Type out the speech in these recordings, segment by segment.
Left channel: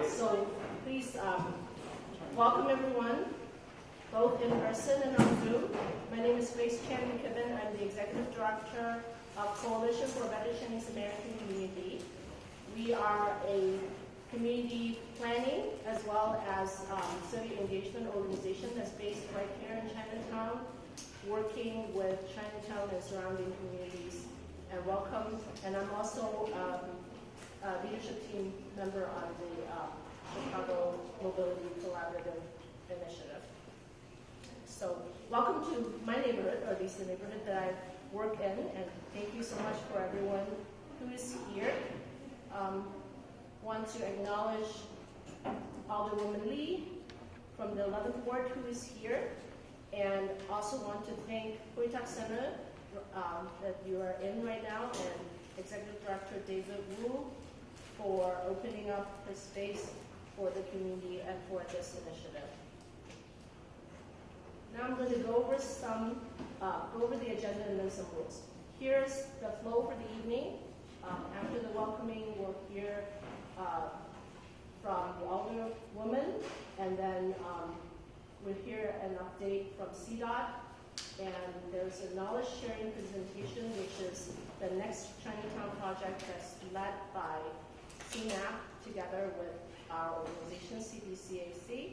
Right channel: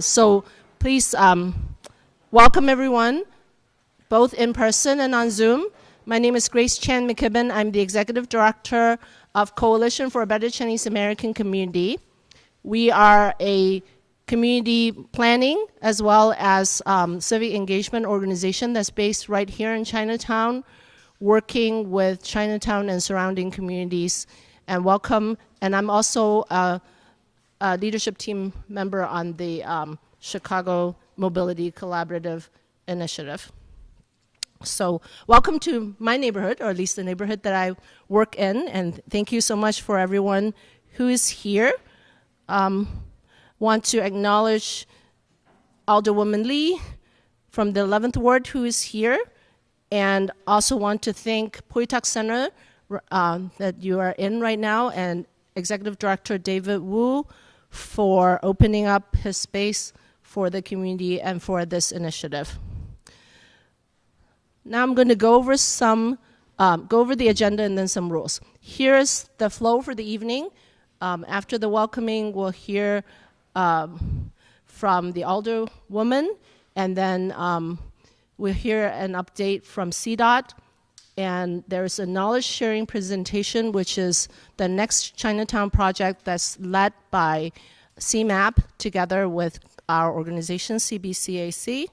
So please welcome everyone, both in person and on Zoom. My name is Grace Chan McKibben. I'm the Executive Director of Coalition for a Better Chinese American Community. We are a community planning as well as civic engagement organization that's based right here in Chinatown, working with Chinatown and surrounding communities. And welcome, and I'm also a leadership team member on the Chicago Mobility Collaborative Initiative. So welcome to my neighborhood, or at least the neighborhood that I work in, and thank you so much for everyone who is here. Want to acknowledge Alderwoman Lee from the 11th Ward who is here, and also want to thank Pui Tak Center that you are in right now, and Executive Director David Wu for opening up his space for the community and for this initiative. Now I'm going to go over the agenda and then some rules. Here's the flow for the evening. After the welcoming, we'll hear from the Alderwoman, and then we'll hear an update from CDOT, and there's a knowledge sharing presentation, which is the next Chinatown project that's led by CMAP together with our organization, CBCAC.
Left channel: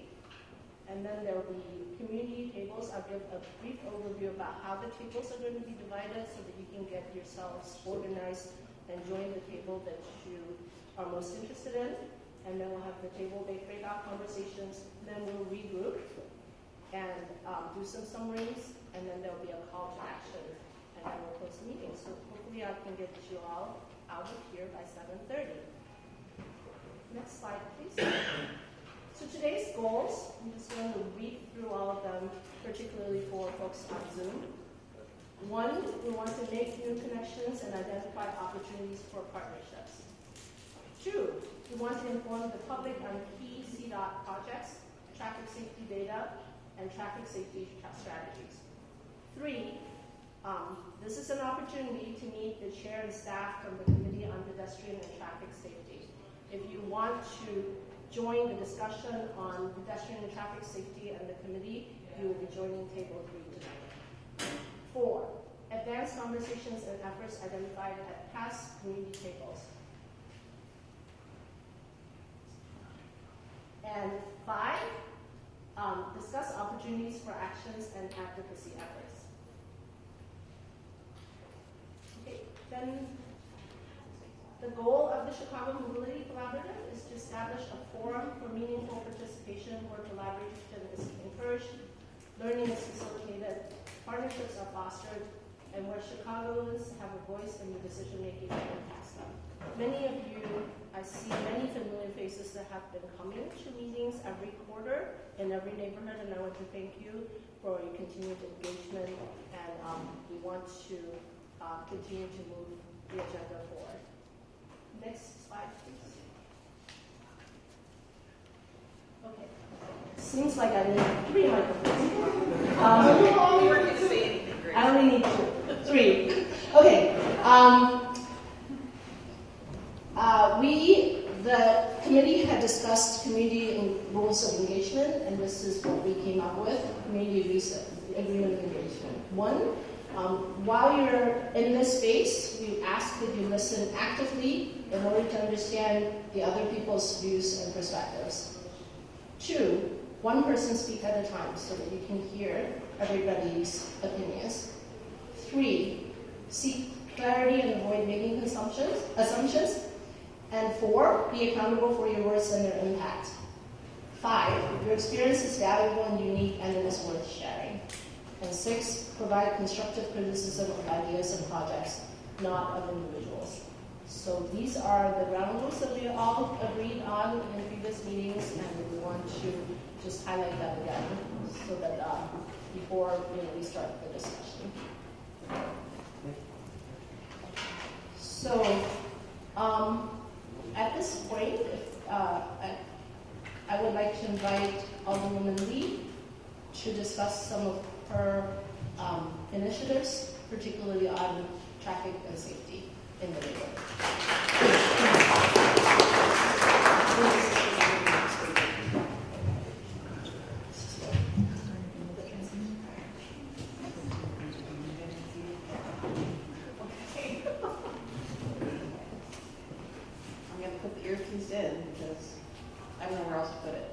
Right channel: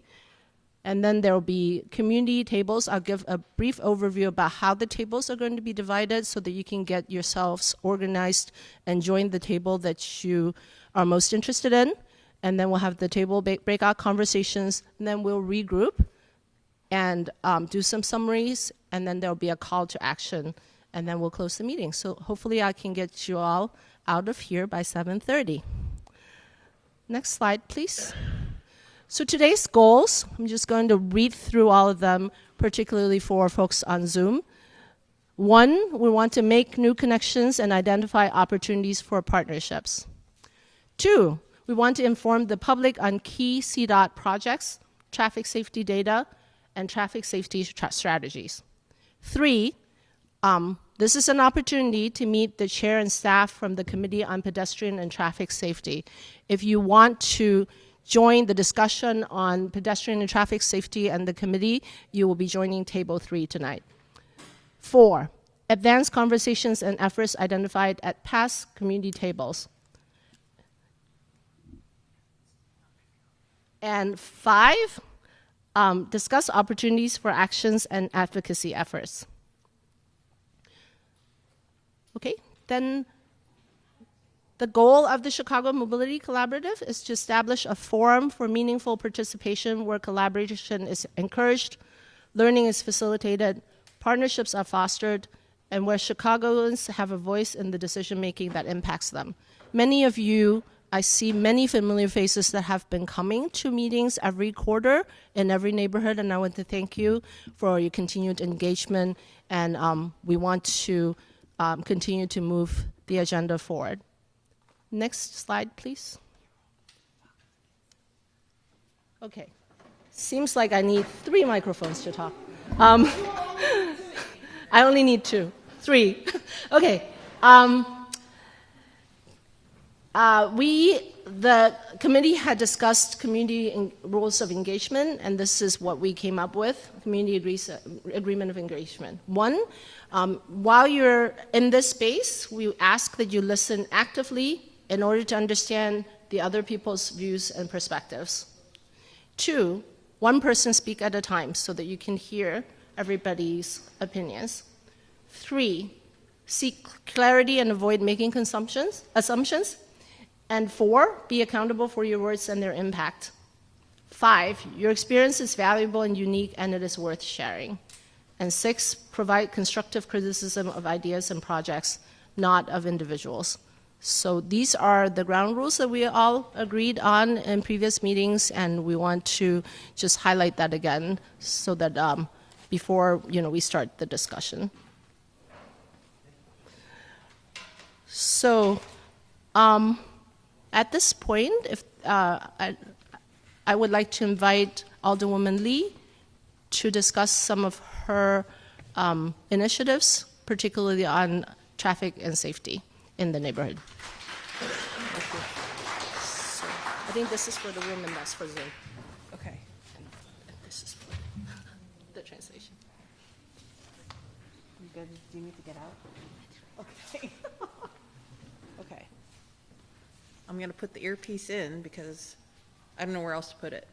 And then there will be community tables. I'll give a brief overview about how the tables are going to be divided so that you can get yourselves organized and join the table that you are most interested in. And then we'll have the table breakout conversations, and then we'll regroup and do some summaries, and then there'll be a call to action, and then we'll close the meeting. So hopefully I can get you all out of here by 7:30. Next slide, please. So today's goals, I'm just going to read through all of them, particularly for folks on Zoom. 1, we want to make new connections and identify opportunities for partnerships. 2, we want to inform the public on key CDOT projects, traffic safety data, and traffic safety strategies. 3, this is an opportunity to meet the chair and staff from the Committee on Pedestrian and Traffic Safety. If you want to join the discussion on pedestrian and traffic safety and the committee, you will be joining table 3 tonight. 4, advance conversations and efforts identified at past community tables. And 5, discuss opportunities for actions and advocacy efforts. Okay, then the goal of the Chicago Mobility Collaborative is to establish a forum for meaningful participation where collaboration is encouraged, learning is facilitated, partnerships are fostered, and where Chicagoans have a voice in the decision-making that impacts them. Many of you, I see many familiar faces that have been coming to meetings every quarter in every neighborhood, and I want to thank you for your continued engagement, and we want to continue to move the agenda forward. Next slide, please. Okay. Seems like I need 3 microphones to talk. I only need 2. 3. Okay. The committee had discussed community rules of engagement, and this is what we came up with, community agreement of engagement. 1, while you're in this space, we ask that you listen actively in order to understand the other people's views and perspectives. 2, 1 person speak at a time so that you can hear everybody's opinions. 3, seek clarity and avoid making assumptions. And 4, be accountable for your words and their impact. 5, your experience is valuable and unique, and it is worth sharing. And 6, provide constructive criticism of ideas and projects, not of individuals. So these are the ground rules that we all agreed on in previous meetings, and we want to just highlight that again so that before we start the discussion. So at this point, if I would like to invite Alderwoman Lee to discuss some of her initiatives, particularly on traffic and safety in the neighborhood. put the earpiece in because I don't know where else to put it.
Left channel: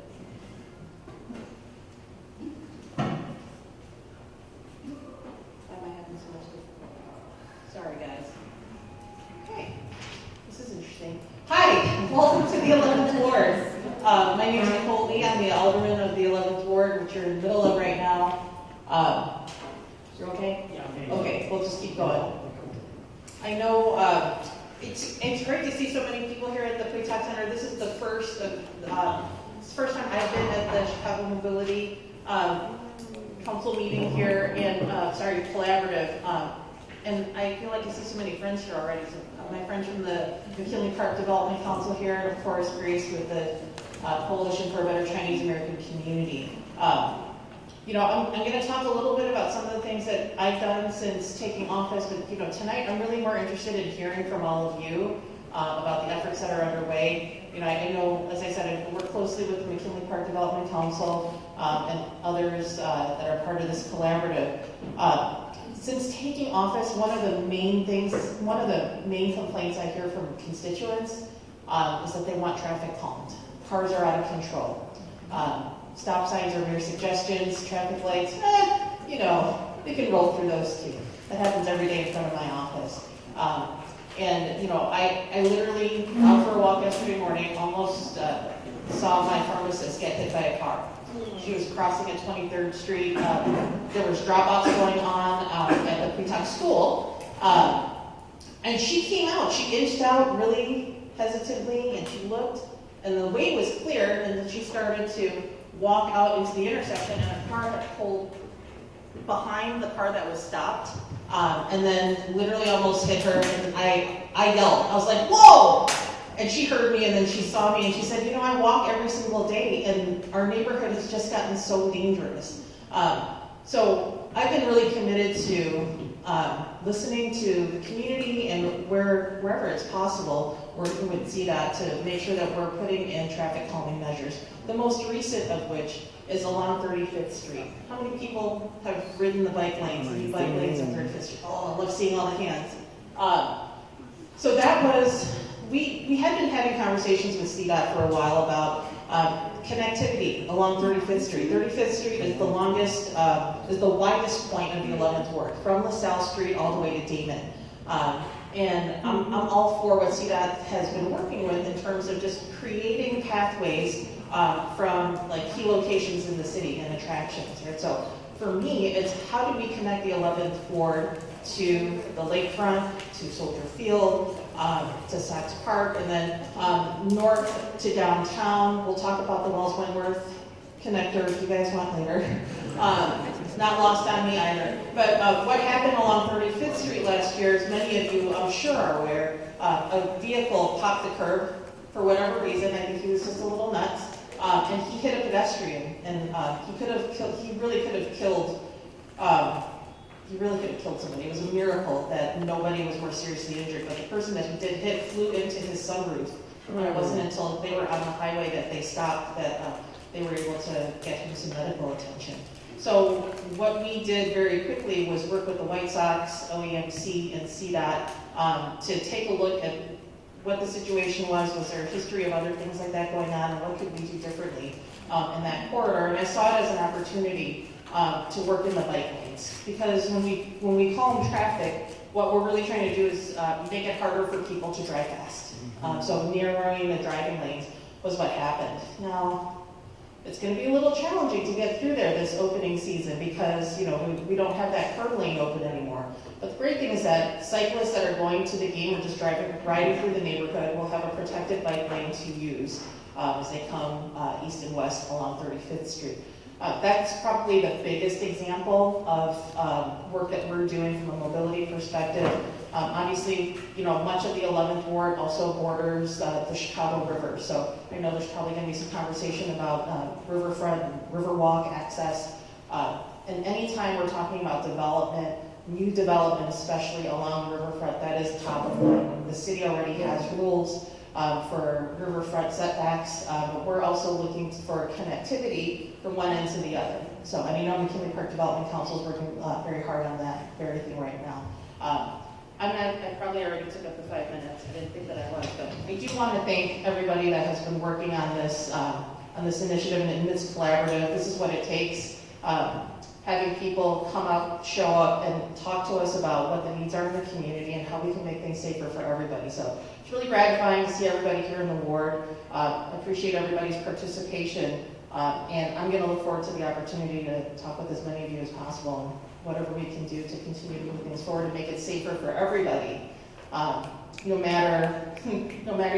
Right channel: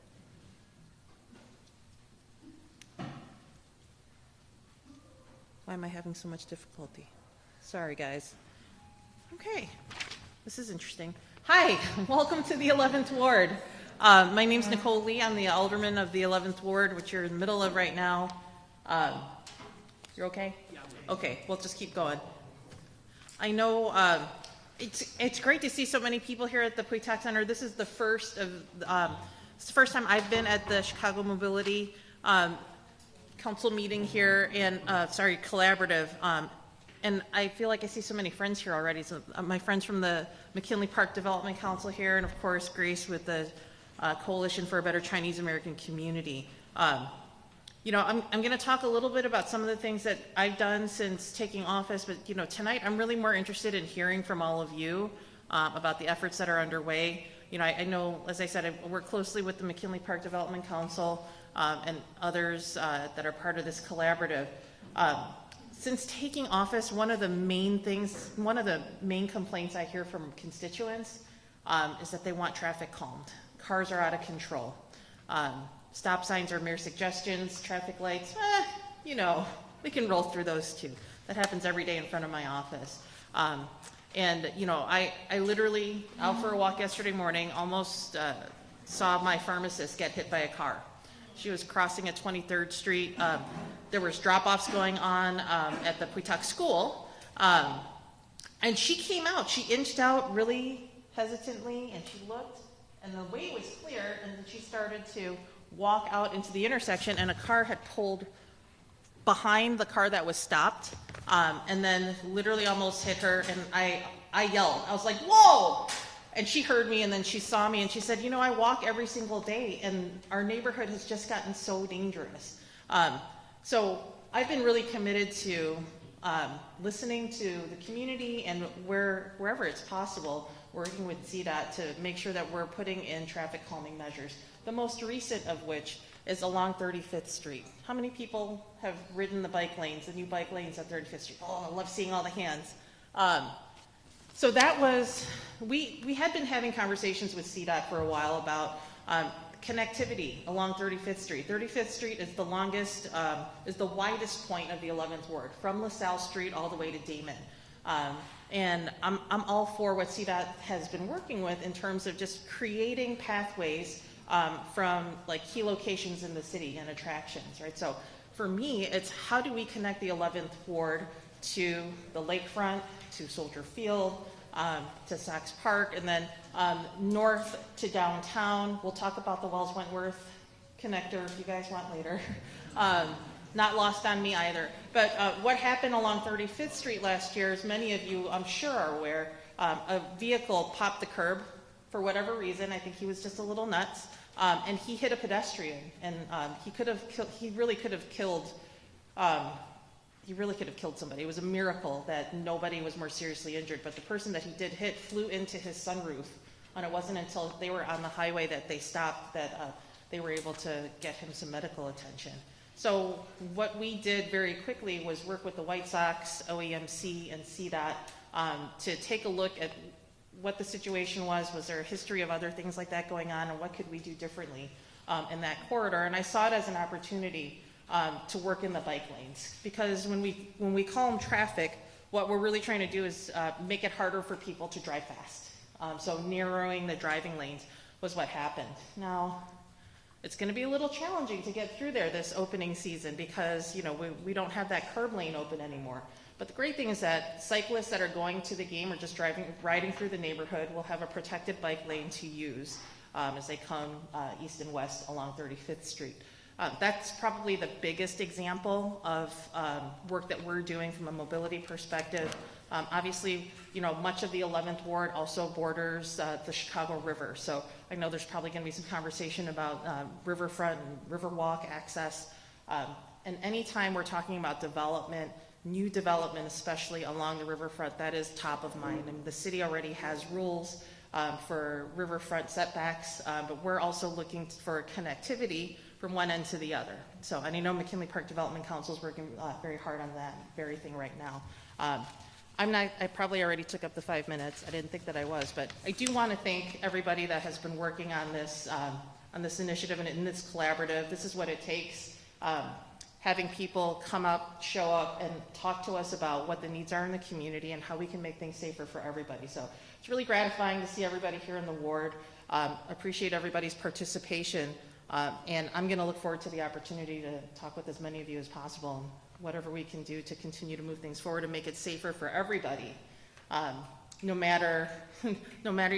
Why am I having so much difficulty? Sorry, guys. Okay, this is interesting. Hi, welcome to the 11th Ward. My name is Nicole Lee. I'm the alderman of the 11th Ward, which you're in the middle of right now. You're okay? Yeah. Okay, we'll just keep going. I know it's great to see so many people here at the PWETOC Center. This is the first time I've been at the Chicago Mobility Council meeting here, and collaborative. And I feel like I see so many friends here already. So, my friends from the McKinley Park Development Council here, and of course Grace with the Coalition for a Better Chinese American Community. You know, I'm going to talk a little bit about some of the things that I've done since taking office, but you know, tonight I'm really more interested in hearing from all of you about the efforts that are underway. You know, I know, as I said, I work closely with the McKinley Park Development Council and others that are part of this collaborative. Since taking office, one of the main complaints I hear from constituents is that they want traffic calmed. Cars are out of control. Stop signs are mere suggestions, traffic lights, you know, we can roll through those too. That happens every day in front of my office. And you know, I literally, out for a walk yesterday morning, almost saw my pharmacist get hit by a car. She was crossing at 23rd Street. There was drop-offs going on at the PWETOC school. And she came out. She inched out really hesitantly, and she looked, and the way was clear, and then she started to walk out into the intersection, and a car had pulled behind the car that was stopped, and then literally almost hit her, and I yelled. I was like, whoa! And she heard me, and then she saw me, and she said, you know, I walk every single day, and our neighborhood has just gotten so dangerous. So I've been really committed to listening to the community and wherever it's possible, working with CDOT to make sure that we're putting in traffic calming measures. The most recent of which is along 35th Street. How many people have ridden the bike lanes, the bike lanes of 35th Street? Oh, I love seeing all the hands. So that was, we had been having conversations with CDOT for a while about connectivity along 35th Street. 35th Street is the longest, is the widest point of the 11th Ward, from LaSalle Street all the way to Damon. And I'm all for what CDOT has been working with in terms of just creating pathways from like key locations in the city and attractions, right? So for me, it's how do we connect the 11th Ward to the lakefront, to Soldier Field, to Sox Park, and then north to downtown. We'll talk about the Wells-Wentworth connector if you guys want later. It's not lost on me either. But what happened along 35th Street last year, as many of you I'm sure are aware, a vehicle popped the curb for whatever reason. I think he was just a little nuts. And he hit a pedestrian, and he really could have killed somebody. It was a miracle that nobody was more seriously injured, but the person that he did hit flew into his sunroof. And it wasn't until they were on the highway that they stopped that they were able to get him some medical attention. So what we did very quickly was work with the White Sox, OEMC, and CDOT to take a look at what the situation was there a history of other things like that going on, and what could we do differently in that corridor. And I saw it as an opportunity to work in the bike lanes, because when we calm traffic, what we're really trying to do is make it harder for people to drive fast. So narrowing the driving lanes was what happened. Now, it's going to be a little challenging to get through there this opening season because, you know, we don't have that curb lane open anymore. But the great thing is that cyclists that are going to the game or just riding through the neighborhood will have a protected bike lane to use as they come east and west along 35th Street. That's probably the biggest example of work that we're doing from a mobility perspective. Obviously, you know, much of the 11th Ward also borders the Chicago River, so I know there's probably going to be some conversation about riverfront and riverwalk access. And anytime we're talking about development, new development, especially along the riverfront, that is top of mind. The city already has rules for riverfront setbacks, but we're also looking for connectivity from one end to the other. So, and I know McKinley Park Development Council is working very hard on that very thing right now. I probably already took up the 5 minutes. I didn't think that I was, but I do want to thank everybody that has been working on this initiative and this collaborative. This is what it takes. Having people come out, show up, and talk to us about what the needs are in the community and how we can make things safer for everybody. So it's really gratifying to see everybody here in the ward. Appreciate everybody's participation. And I'm going to look forward to the opportunity to talk with as many of you as possible and whatever we can do to continue to move things forward and make it safer for everybody. No matter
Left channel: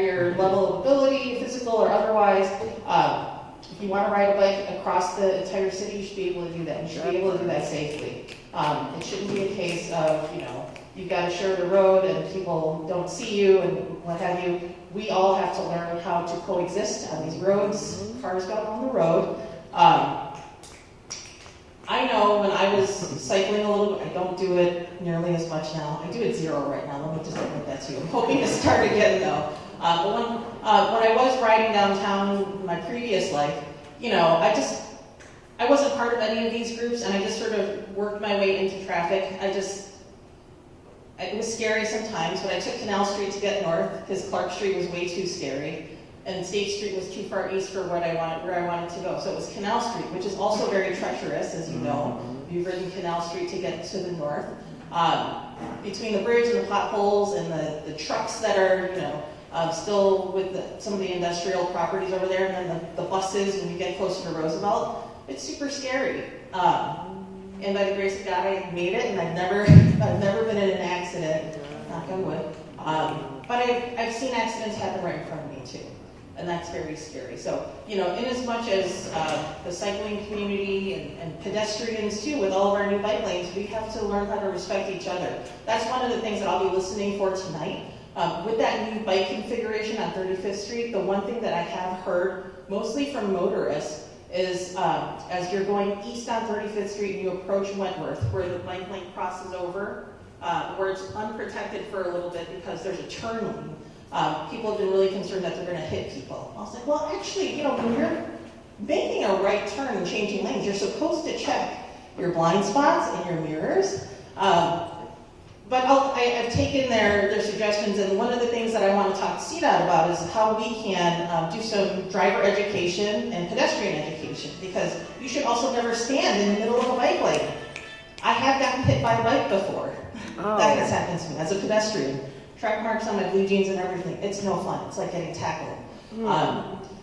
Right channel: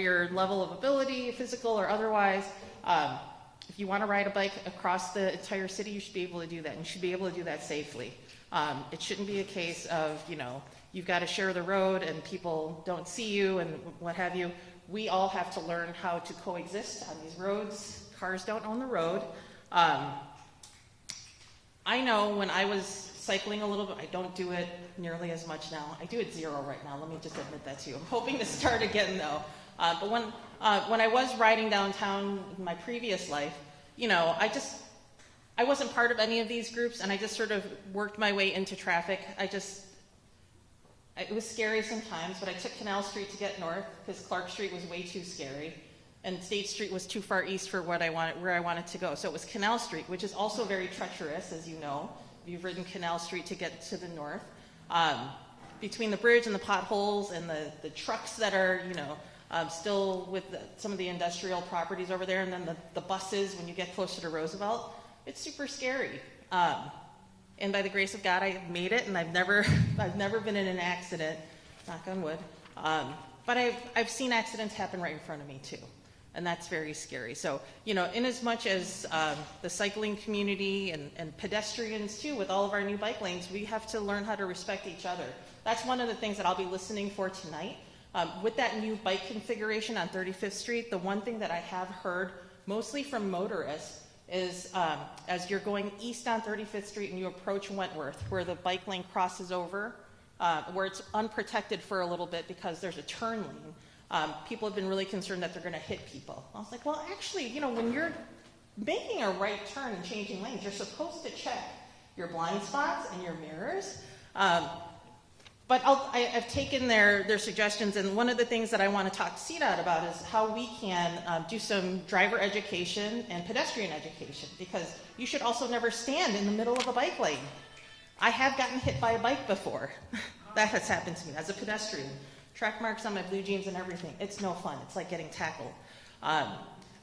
your level of ability, physical or otherwise. If you want to ride a bike across the entire city, you should be able to do that. You should be able to do that safely. It shouldn't be a case of, you've got to share the road and people don't see you and what have you. We all have to learn how to coexist on these roads. Cars don't own the road. I know when I was cycling a little bit, I don't do it nearly as much now. I do it 0 right now. Let me just admit that to you. I'm hoping to start again though. But when I was riding downtown in my previous life, I wasn't part of any of these groups, and I just sort of worked my way into traffic. It was scary sometimes, but I took Canal Street to get north because Clark Street was way too scary, and State Street was too far east for where I wanted to go. So it was Canal Street, which is also very treacherous, as you know. You've ridden Canal Street to get to the north. Between the bridge and the potholes and the trucks that are, still with some of the industrial properties over there, and then the buses when you get closer to Roosevelt, it's super scary. And by the grace of God, I made it, and I've never been in an accident, knock on wood. But I've seen accidents happen right in front of me too, and that's very scary. So, in as much as the cycling community and pedestrians too, with all of our new bike lanes, we have to learn how to respect each other. That's one of the things that I'll be listening for tonight. With that new bike configuration on 35th Street, the one thing that I have heard, mostly from motorists, is as you're going east on 35th Street and you approach Wentworth, where the bike lane crosses over, where it's unprotected for a little bit because there's a turn lane, people have been really concerned that they're going to hit people. I was like, well, actually, when you're making a right turn and changing lanes, you're supposed to check your blind spots and your mirrors. But I've taken their suggestions, and one of the things that I want to talk to CDOT about is how we can do some driver education and pedestrian education, because you should also never stand in the middle of a bike lane. I have gotten hit by a bike before. Oh. That has happened to me as a pedestrian. Track marks on my blue jeans and everything. It's no fun. It's like getting tackled.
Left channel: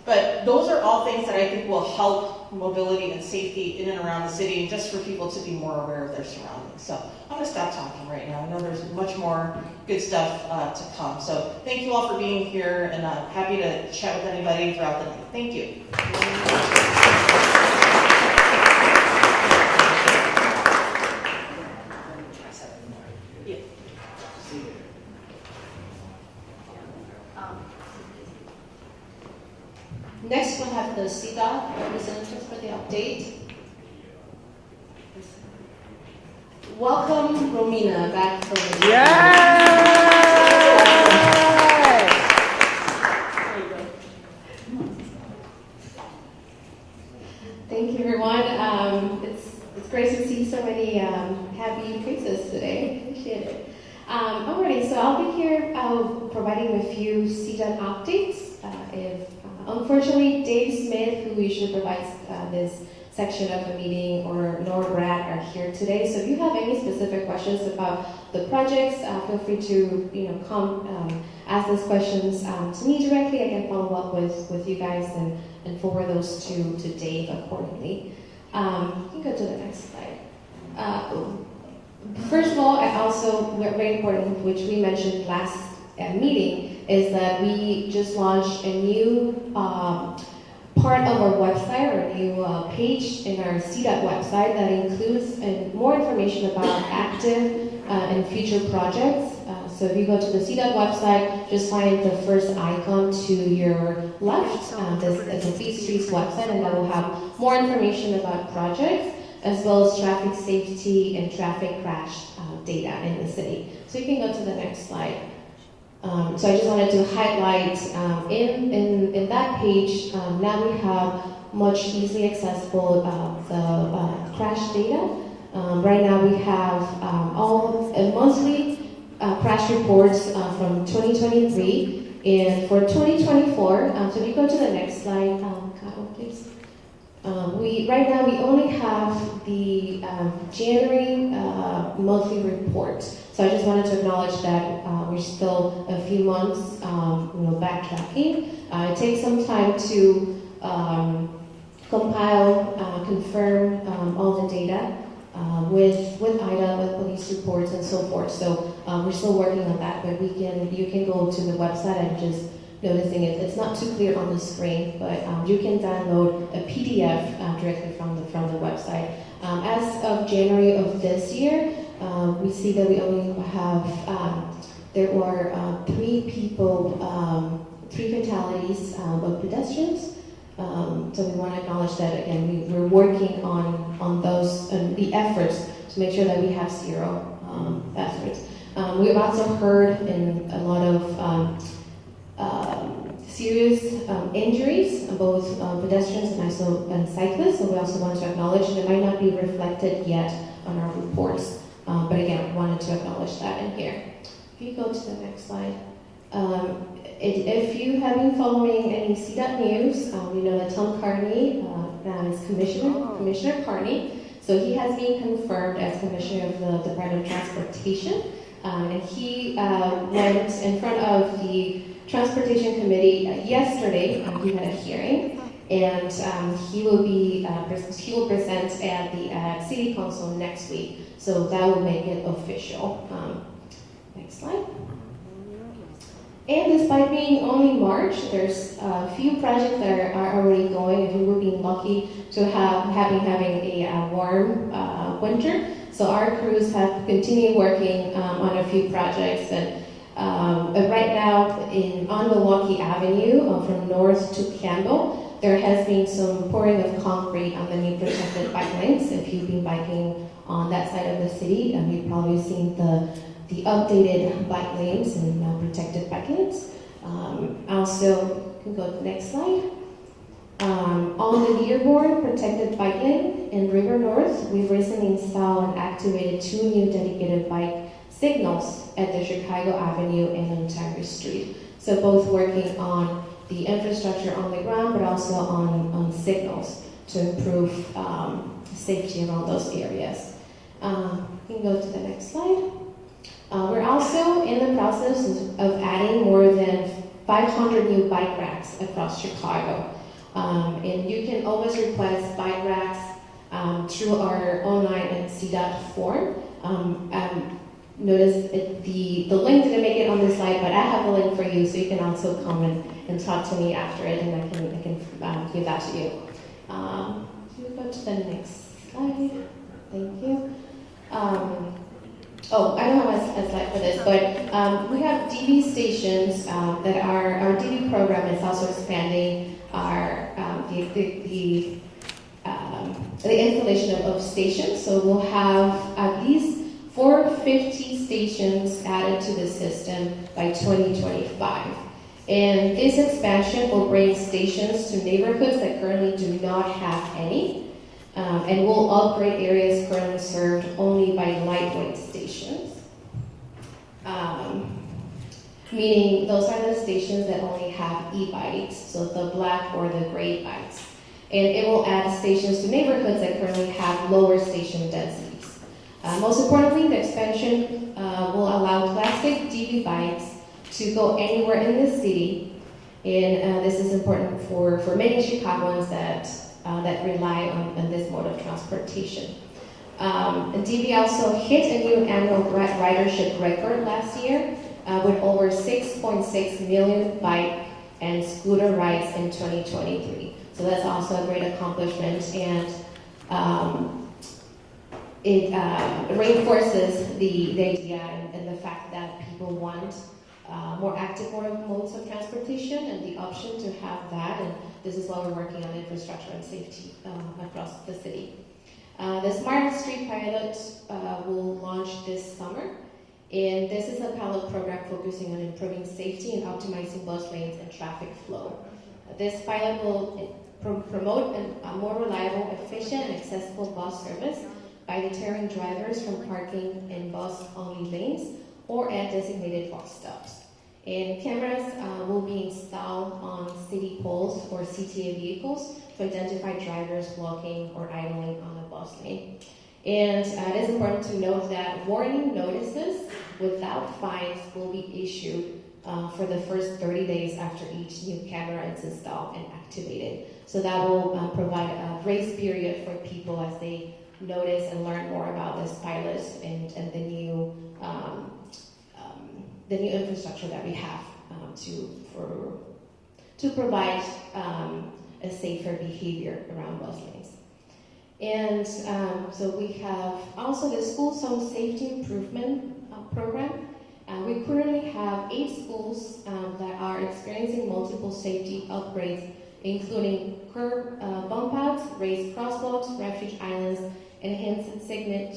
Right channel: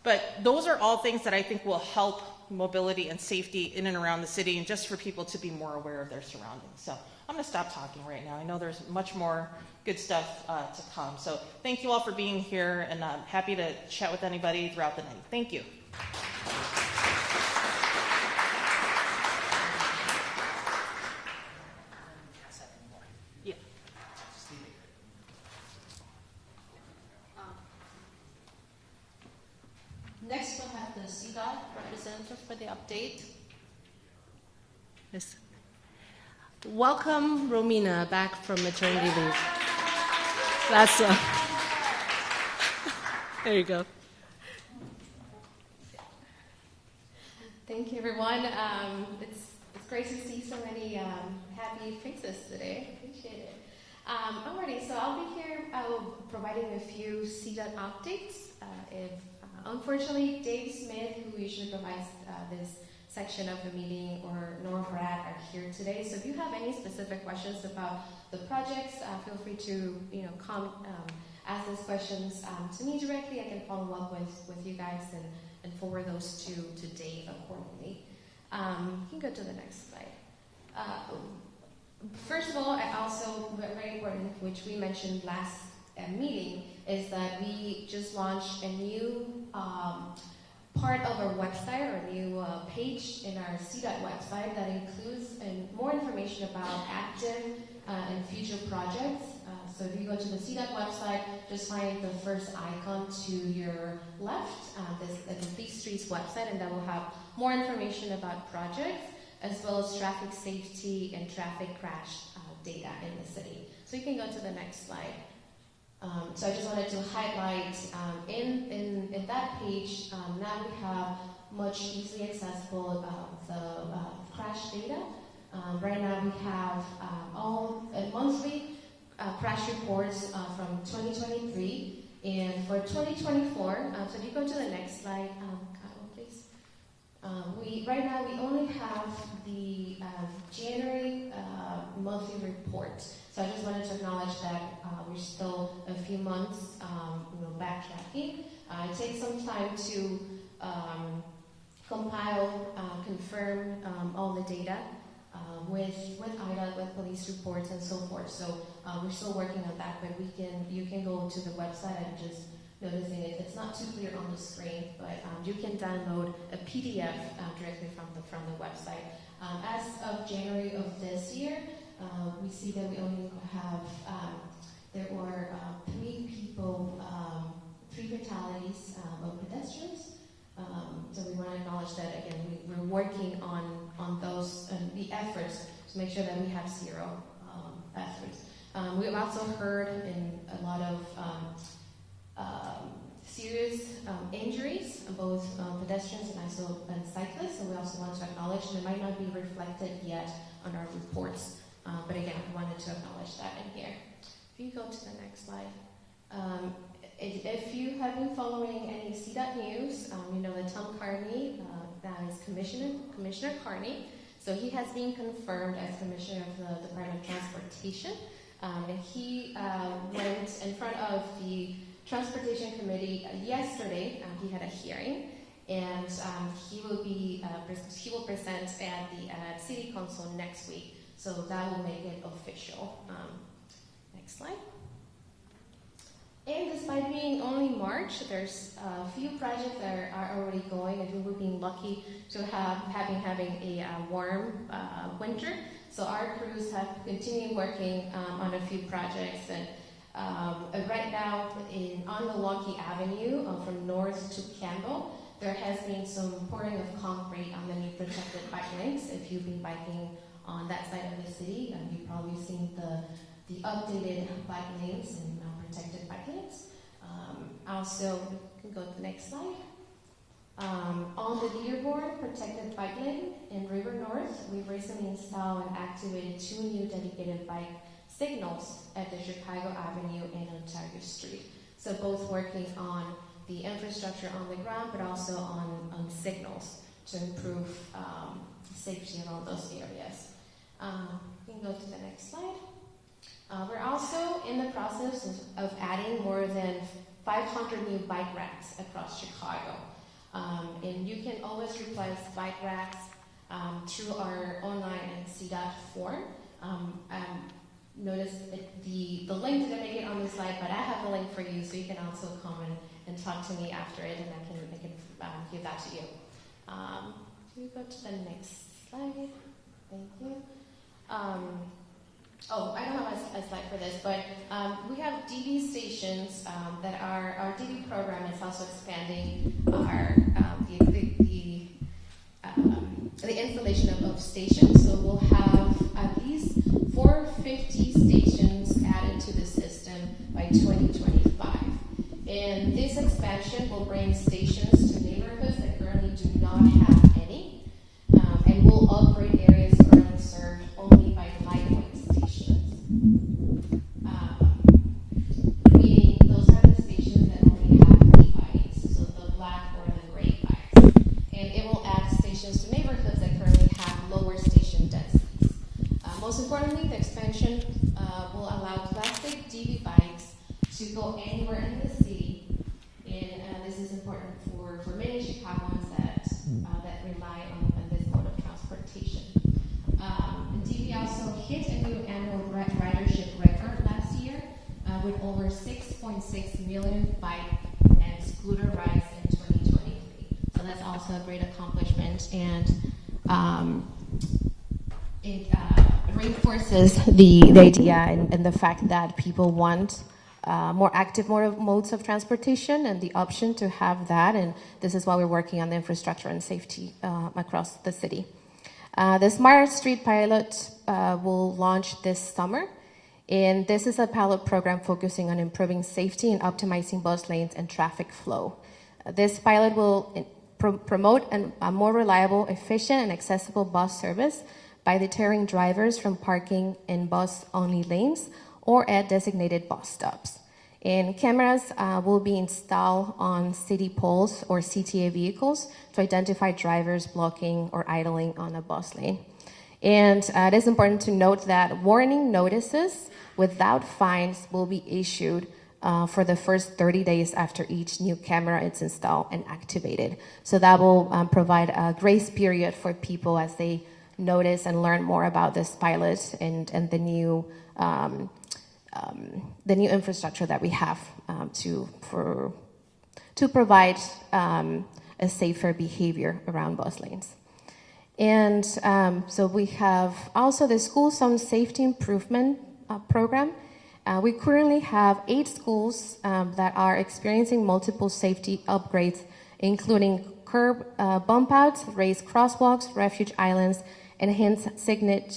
But those are all things that I think will help mobility and safety in and around the city, and just for people to be more aware of their surroundings. So I'm going to stop talking right now. I know there's much more good stuff to come. So thank you all for being here, and I'm happy to chat with anybody throughout the night. Thank you. Next, we'll have the CDOT representative for the update. Yes. Welcome, Romina, back from the Yay! There you go. Thank you, everyone. It's great to see so many happy faces today. Appreciate it. Alrighty, so I'll be here providing a few CDOT updates. Unfortunately, Dave Smith, who usually provides this section of the meeting, nor Brad are here today. So if you have any specific questions about the projects, feel free to come ask those questions to me directly. I can follow up with you guys and forward those to Dave accordingly. You can go to the next slide. First of all, very important, which we mentioned last meeting, is that we just launched a new part of our website, or a new page in our CDOT website that includes more information about active and future projects. So if you go to the CDOT website, just find the first icon to your left. This is the Fleet Streets website, and that will have more information about projects, as well as traffic safety and traffic crash data in the city. So you can go to the next slide. So I just wanted to highlight in that page, now we have much easily accessible the crash data. Right now we have all monthly crash reports from 2023. And for 2024, so if you go to the next slide, Kyle, please. Right now we only have the January monthly report. So I just wanted to acknowledge that we're still a few months, backtracking. It takes some time to compile, confirm all the data with IDA, with police reports and so forth. So we're still working on that, but you can go to the website and just noticing it's not too clear on the screen, but you can download a PDF directly from the website. As of January of this year, we see that we only have there were 3 people, 3 fatalities of pedestrians. So we want to acknowledge that again. We're working on those the efforts to make sure that we have 0 efforts. We've also heard in a lot of serious injuries, both pedestrians and also cyclists. So we also want to acknowledge that it might not be reflected yet on our reports. But again, we wanted to acknowledge that in here. If you go to the next slide. If you have been following any CDOT news, you know that Tom Carney is Commissioner Carney. So he has been confirmed as Commissioner of the Department of Transportation. And he went in front of the Transportation Committee yesterday. He had a hearing, and he will present at the City Council next week. So that will make it official. Next slide. And despite being only March, there's a few projects that are already going, and we've been lucky to having a warm winter. So our crews have continued working on a few projects, and right now on Milwaukee Avenue, from North to Campbell, there has been some pouring of concrete on the new protected bike lanes. If you've been biking on that side of the city, you've probably seen the updated bike lanes and protected bike lanes. Also, you can go to the next slide. On the Dearborn protected bike lane in River North, we've recently installed and activated 2 new dedicated bike signals at the Chicago Avenue and Ontario Street. So both working on the infrastructure on the ground, but also on signals to improve safety around those areas. You can go to the next slide. We're also in the process of adding more than 500 new bike racks across Chicago. And you can always request bike racks through our online and CDOT form. Notice the link didn't make it on the slide, but I have a link for you, so you can also come and talk to me after it, and I can give that to you. Can you go to the next slide? Thank you. I don't have a slide for this, but we have DV stations that our DV program is also expanding the installation of stations. So we'll have at least 450 stations added to the system by 2025. And this expansion will bring stations to neighborhoods that currently do not have any, and will upgrade areas currently served only by lightweight stations. Meaning those are the stations that only have e-bikes, so the black or the gray bikes. And it will add stations to neighborhoods that currently have lower station densities. Most importantly, the expansion will allow classic DV bikes to go anywhere in the city, and this is important for many Chicagoans that rely on this mode of transportation. DV also hit a new annual ridership record last year with over 6.6 million bike and scooter rides in 2023. So that's also a great accomplishment, and it reinforces the idea and the fact that people want more active modes of transportation and the option to have that, and this is why we're working on the infrastructure and safety across the city. The Smart Street pilot will launch this summer, and this is a pilot program focusing on improving safety and optimizing bus lanes and traffic flow. This pilot will promote a more reliable, efficient, and accessible bus service by deterring drivers from parking in bus-only lanes or at designated bus stops. And cameras will be installed on city poles or CTA vehicles to identify drivers blocking or idling on a bus lane. And it is important to note that warning notices without fines will be issued for the first 30 days after each new camera is installed and activated. So that will provide a grace period for people as they notice and learn more about this pilot and the new infrastructure that we have to provide a safer behavior around bus lanes. And so we have also the School Zone Safety Improvement Program. We currently have 8 schools that are experiencing multiple safety upgrades, including curb bump outs, raised crosswalks, refuge islands, enhanced signet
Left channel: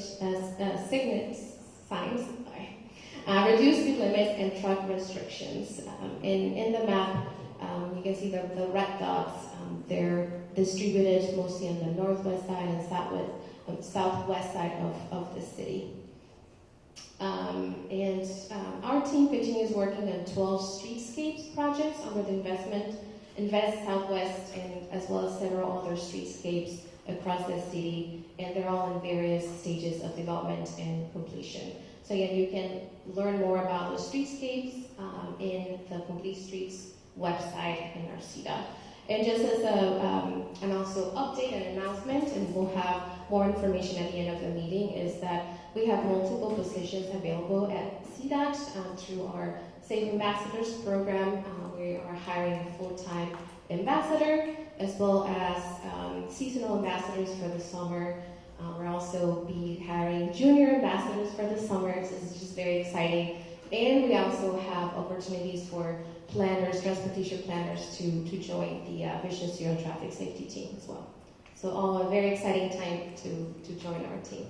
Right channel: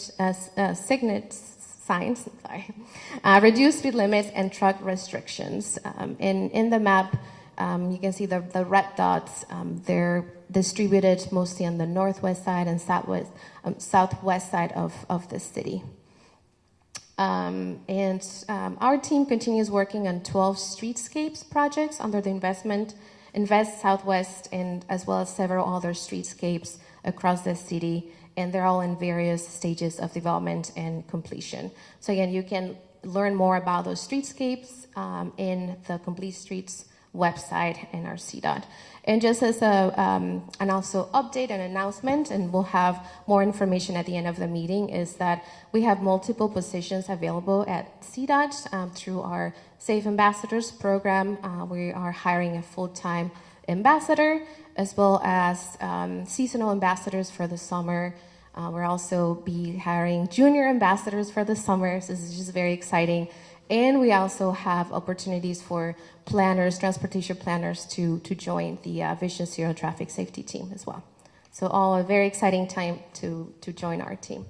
signs, reduced speed limits, and truck restrictions. In the map, you can see the red dots. They're distributed mostly on the northwest side and southwest side of the city. Our team continues working on 12 streetscapes projects under the Invest Southwest, and as well as several other streetscapes across the city, and they're all in various stages of development and completion. So again, you can learn more about those streetscapes in the Complete Streets website and our CDOT. And just as an also update and announcement, and we'll have more information at the end of the meeting, is that we have multiple positions available at CDOT through our Safe Ambassadors program. We are hiring a full-time ambassador as well as seasonal ambassadors for the summer. We'll also be hiring junior ambassadors for the summer, so this is just very exciting. And we also have opportunities for planners, transportation planners to join the Vision Zero traffic safety team as well. So all a very exciting time to join our team.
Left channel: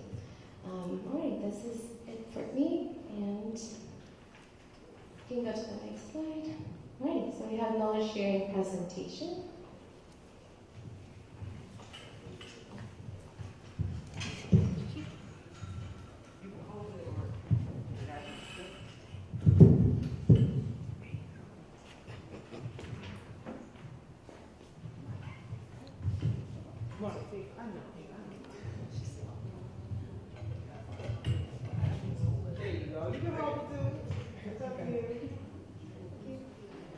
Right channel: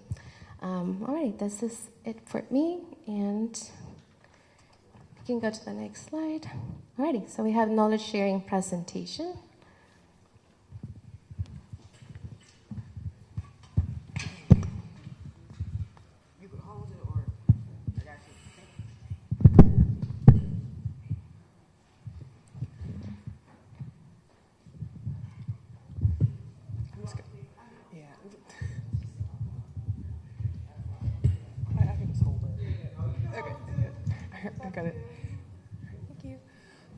All right, this is it for me, and you can go to the next slide. Alrighty, so we have knowledge sharing presentation.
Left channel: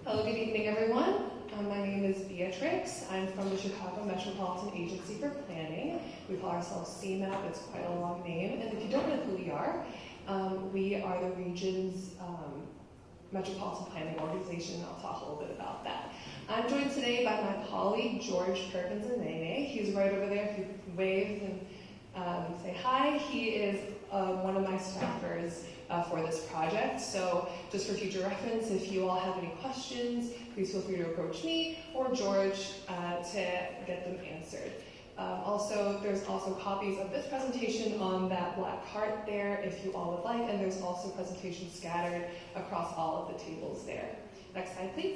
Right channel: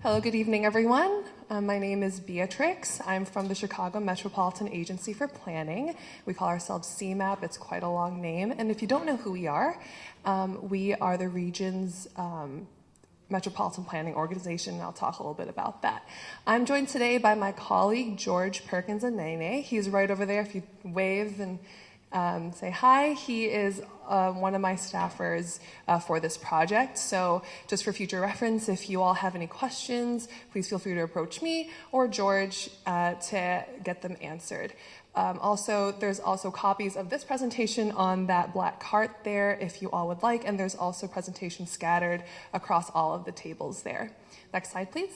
Hello, good evening, everyone. My name is Beatrix. I'm from the Chicago Metropolitan Agency for Planning. We call ourselves CMAP. It's quite a long name. And if you don't know who we are the region's metropolitan planning organization, and I'll talk a little bit about that. I'm joined today by my colleague, George Perkins Anene. He's right over there. If you wave and say hi, he is one of my staffers for this project. So just for future reference, if you all have any questions, please feel free to approach me or George to get them answered. There's also copies of this presentation on that black cart there if you all would like, and there's also presentations scattered across all of the tables there. Next slide, please.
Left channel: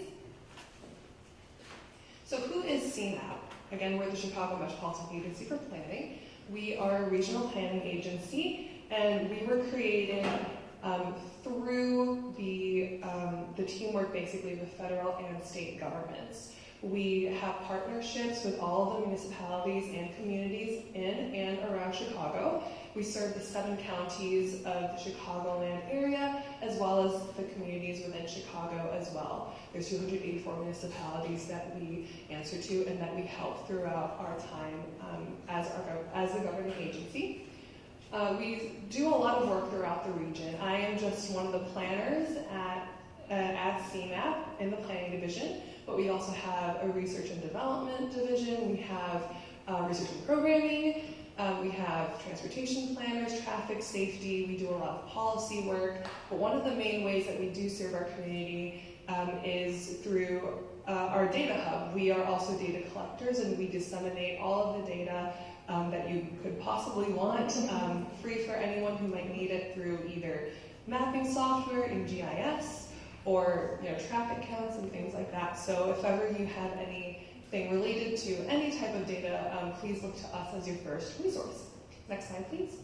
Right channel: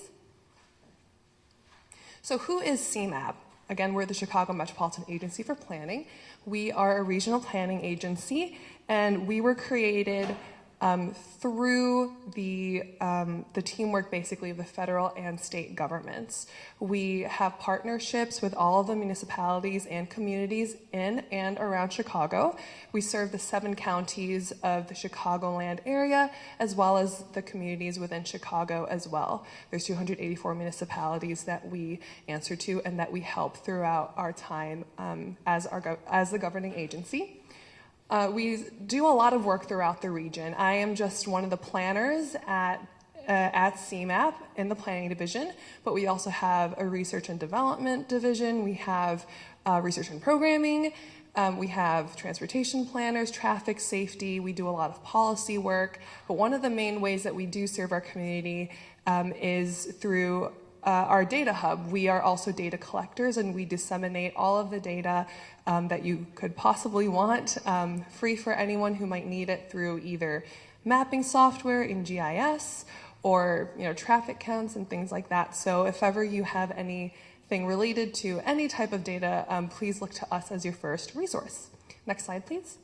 So who is CMAP? Again, we're the Chicago Metropolitan Agency for Planning. We are a regional planning agency, and we were created through the teamwork, basically, of the federal and state governments. We have partnerships with all of the municipalities and communities in and around Chicago. We serve the 7 counties of the Chicagoland area, as well as the communities within Chicago as well. There's 284 municipalities that we answer to and that we help throughout our time as the governing agency. We do a lot of work throughout the region. I am just one of the planners at CMAP in the planning division, but we also have a research and development division. We have research and programming. We have transportation planners, traffic safety. We do a lot of policy work. But one of the main ways that we do serve our community is through our data hub. We are also data collectors, and we disseminate all of the data that you could possibly want, free for anyone who might need it through either mapping software in GIS or traffic counts and things like that. So if ever you have anything related to any type of data, please look to us as your first resource. Next slide, please.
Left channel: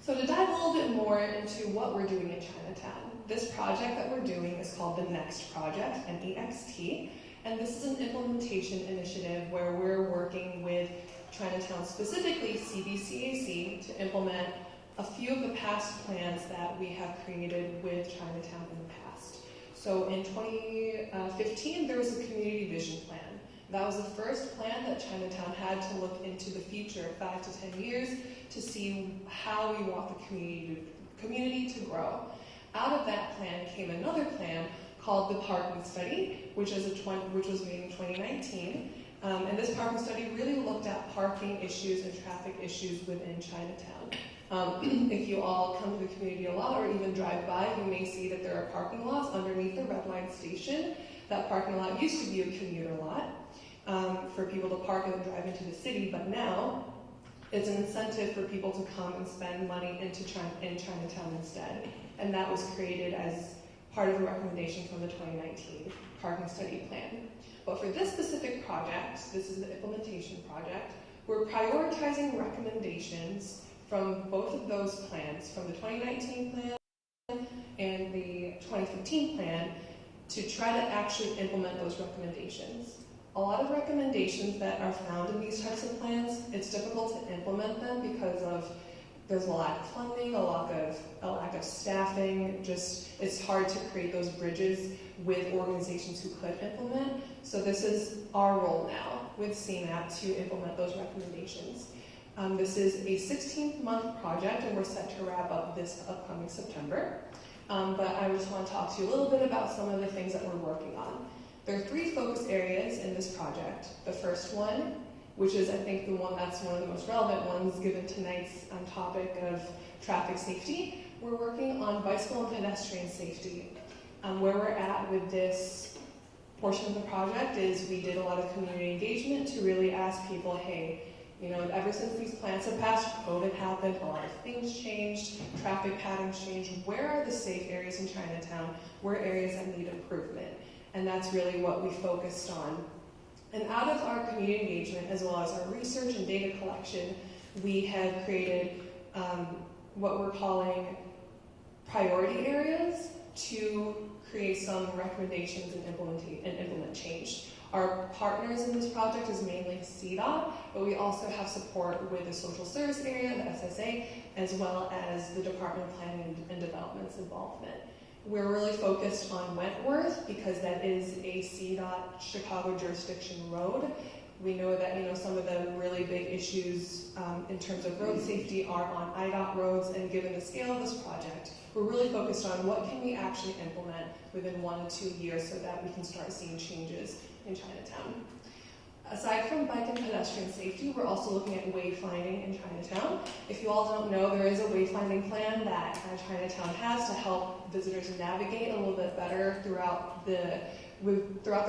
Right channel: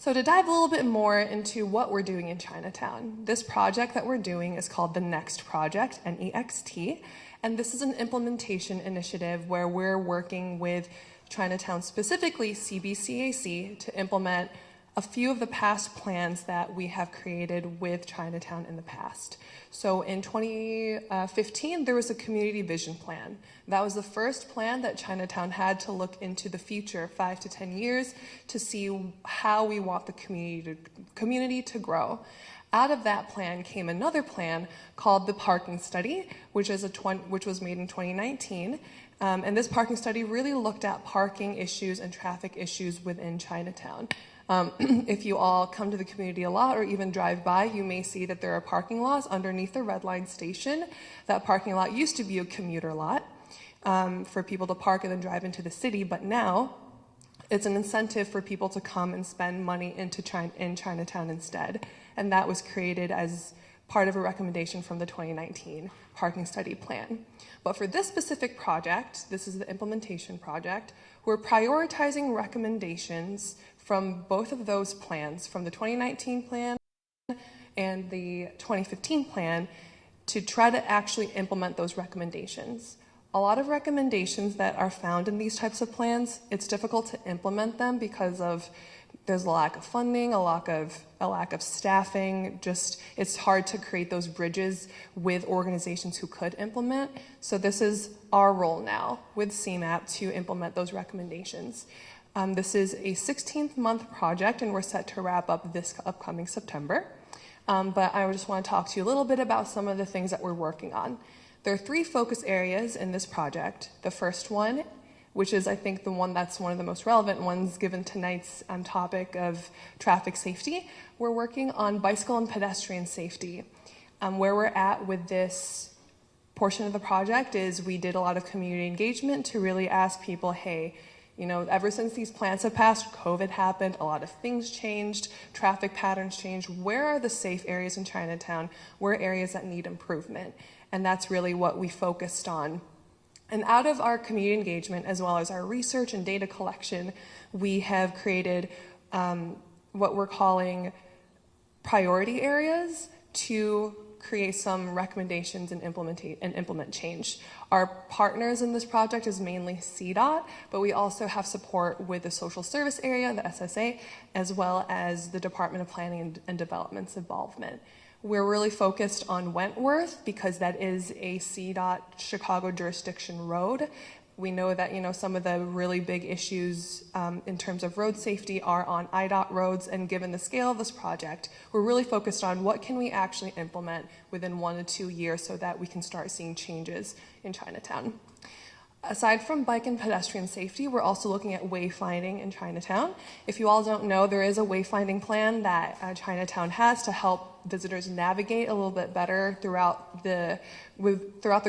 So to dive a little bit more into what we're doing in Chinatown, this project that we're doing is called the NEXT Project, N-E-X-T, and this is an implementation initiative where we're working with Chinatown, specifically CBCAC, to implement a few of the past plans that we have created with Chinatown in the past. So in 2015, there was a community vision plan. That was the first plan that Chinatown had to look into the future, 5 to 10 years, to see how we want the community to grow. Out of that plan came another plan called the Parking Study, which was made in 2019. And this parking study really looked at parking issues and traffic issues within Chinatown. If you all come to the community a lot or even drive by, you may see that there are parking lots underneath the Red Line station. That parking lot used to be a commuter lot for people to park and then drive into the city, but now it's an incentive for people to come and spend money in Chinatown instead. And that was created as part of a recommendation from the 2019 parking study plan. But for this specific project, this is the implementation project, we're prioritizing recommendations from both of those plans, from the 2019 plan and the 2015 plan, to try to actually implement those recommendations. A lot of recommendations that are found in these types of plans, it's difficult to implement them because there's a lack of funding, a lack of staffing, it's hard to create those bridges with organizations who could implement. So this is our role now with CMAP to implement those recommendations. This is a 16-month project and we're set to wrap up this upcoming September. But I just want to talk to you a little bit about some of the things that we're working on. There are 3 focus areas in this project. The first one, which is I think that's one of the most relevant ones given tonight's topic of traffic safety, we're working on bicycle and pedestrian safety. Where we're at with this portion of the project is we did a lot of community engagement to really ask people, hey, ever since these plans have passed, COVID happened, a lot of things changed, traffic patterns changed. Where are the safe areas in Chinatown? Where are areas that need improvement? And that's really what we focused on. And out of our community engagement, as well as our research and data collection, we have created what we're calling priority areas to create some recommendations and implement change. Our partners in this project is mainly CDOT, but we also have support with the social service area, the SSA, as well as the Department of Planning and Development's involvement. We're really focused on Wentworth because that is a CDOT Chicago jurisdiction road. We know that some of the really big issues in terms of road safety are on IDOT roads, and given the scale of this project, we're really focused on what can we actually implement within 1 to 2 years so that we can start seeing changes in Chinatown. Aside from bike and pedestrian safety, we're also looking at wayfinding in Chinatown. If you all don't know, there is a wayfinding plan that Chinatown has to help visitors navigate a little bit better throughout the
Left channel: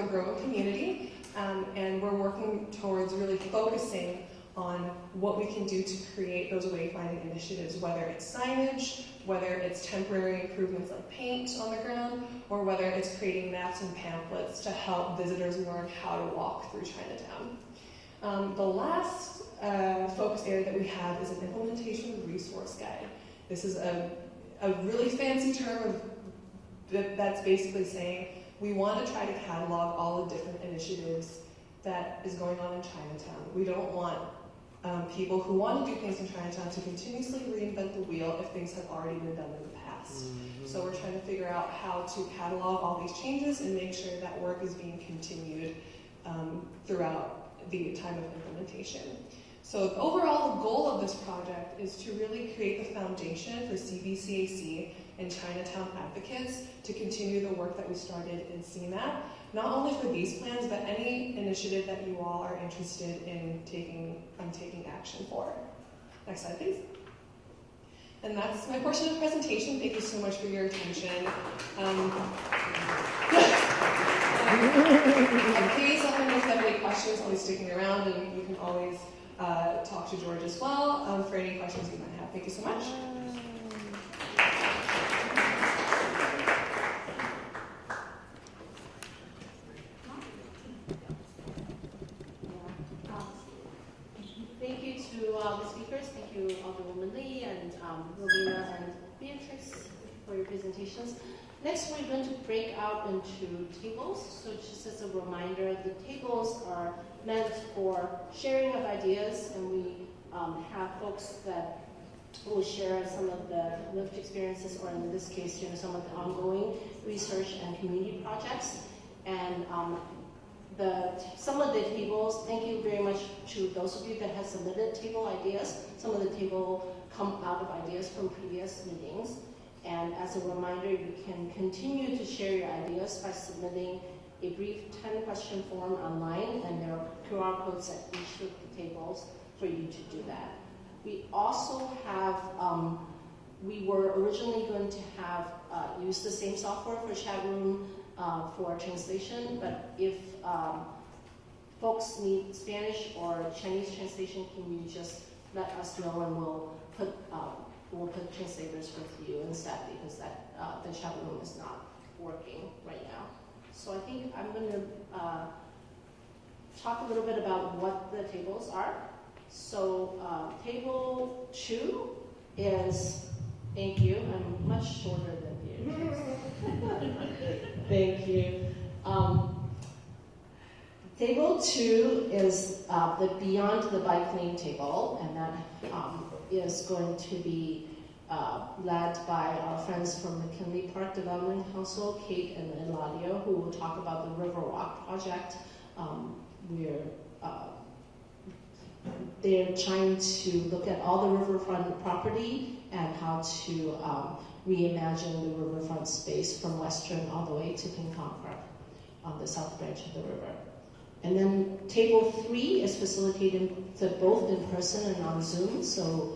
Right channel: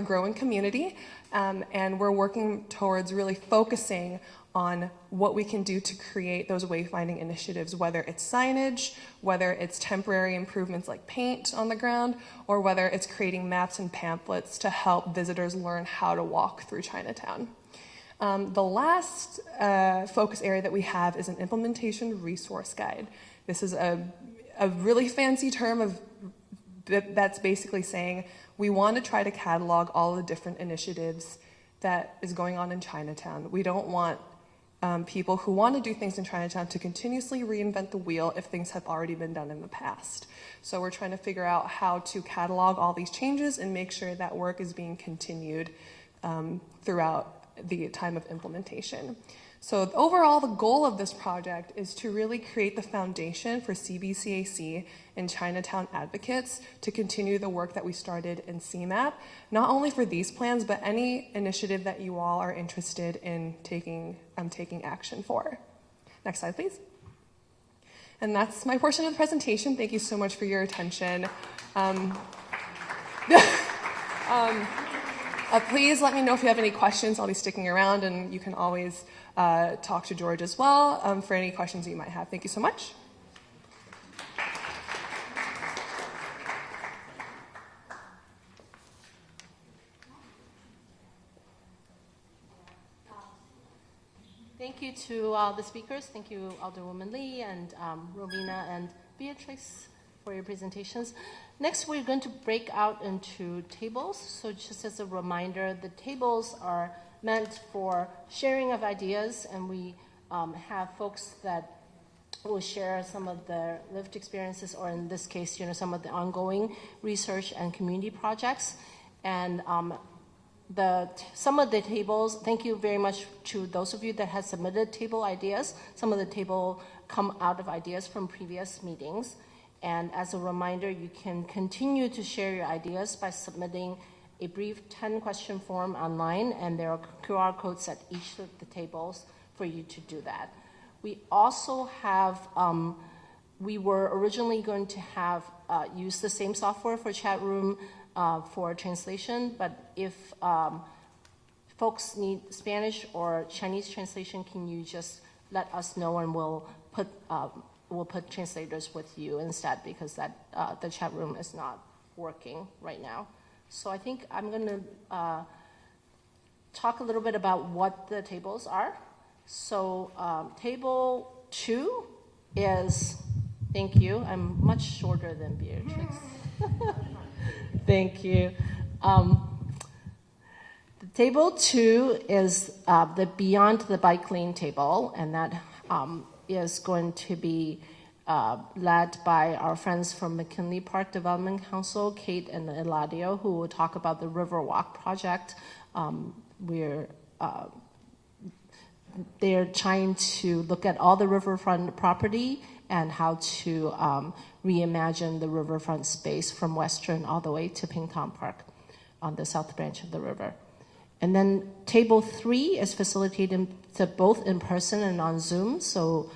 growing community. And we're working towards really focusing on what we can do to create those wayfinding initiatives, whether it's signage, whether it's temporary improvements like paint on the ground, or whether it's creating maps and pamphlets to help visitors learn how to walk through Chinatown. The last focus area that we have is an implementation resource guide. This is a really fancy term that's basically saying we want to try to catalog all the different initiatives that is going on in Chinatown. We don't want people who want to do things in Chinatown to continuously reinvent the wheel if things have already been done in the past. So we're trying to figure out how to catalog all these changes and make sure that work is being continued throughout the time of implementation. So overall, the goal of this project is to really create the foundation for CBCAC and Chinatown advocates to continue the work that we started in CMAP, not only for these plans, but any initiative that you all are interested in taking action for. Next slide, please. And that's my portion of the presentation. Thank you so much for your attention. Please let me know if you have any questions. I'll be sticking around, and you can always talk to George as well for any questions you might have. Thank you so much. Thank you to the speakers. Thank you, Alderwoman Lee and Rowena and Beatrice for your presentations. Next, we're going to break out into tables. So just as a reminder, the tables are meant for sharing of ideas, and we have folks that will share some of their lived experiences, or in this case, some of the ongoing research and community projects. And some of the tables, thank you very much to those of you that have submitted table ideas. Some of the table come out of ideas from previous meetings. And as a reminder, you can continue to share your ideas by submitting a brief 10-question form online, and there are QR codes at each of the tables for you to do that. We also have, we were originally going to have use the same software for chat room for translation, but if folks need Spanish or Chinese translation, can you just let us know, and we'll put translators with you instead, because that the chat room is not working right now. So I think I'm going to talk a little bit about what the tables are. So table 2 is, thank you, I'm much shorter than Beatrice. Thank you. Table 2 is the Beyond the Bike Lane table, and that is going to be led by our friends from McKinley Park Development Council, Kate and Eladio, who will talk about the Riverwalk project. They're trying to look at all the riverfront property and how to reimagine the riverfront space from Western all the way to Pingtong Park on the south branch of the river. And then table 3 is facilitated both in person and on Zoom. So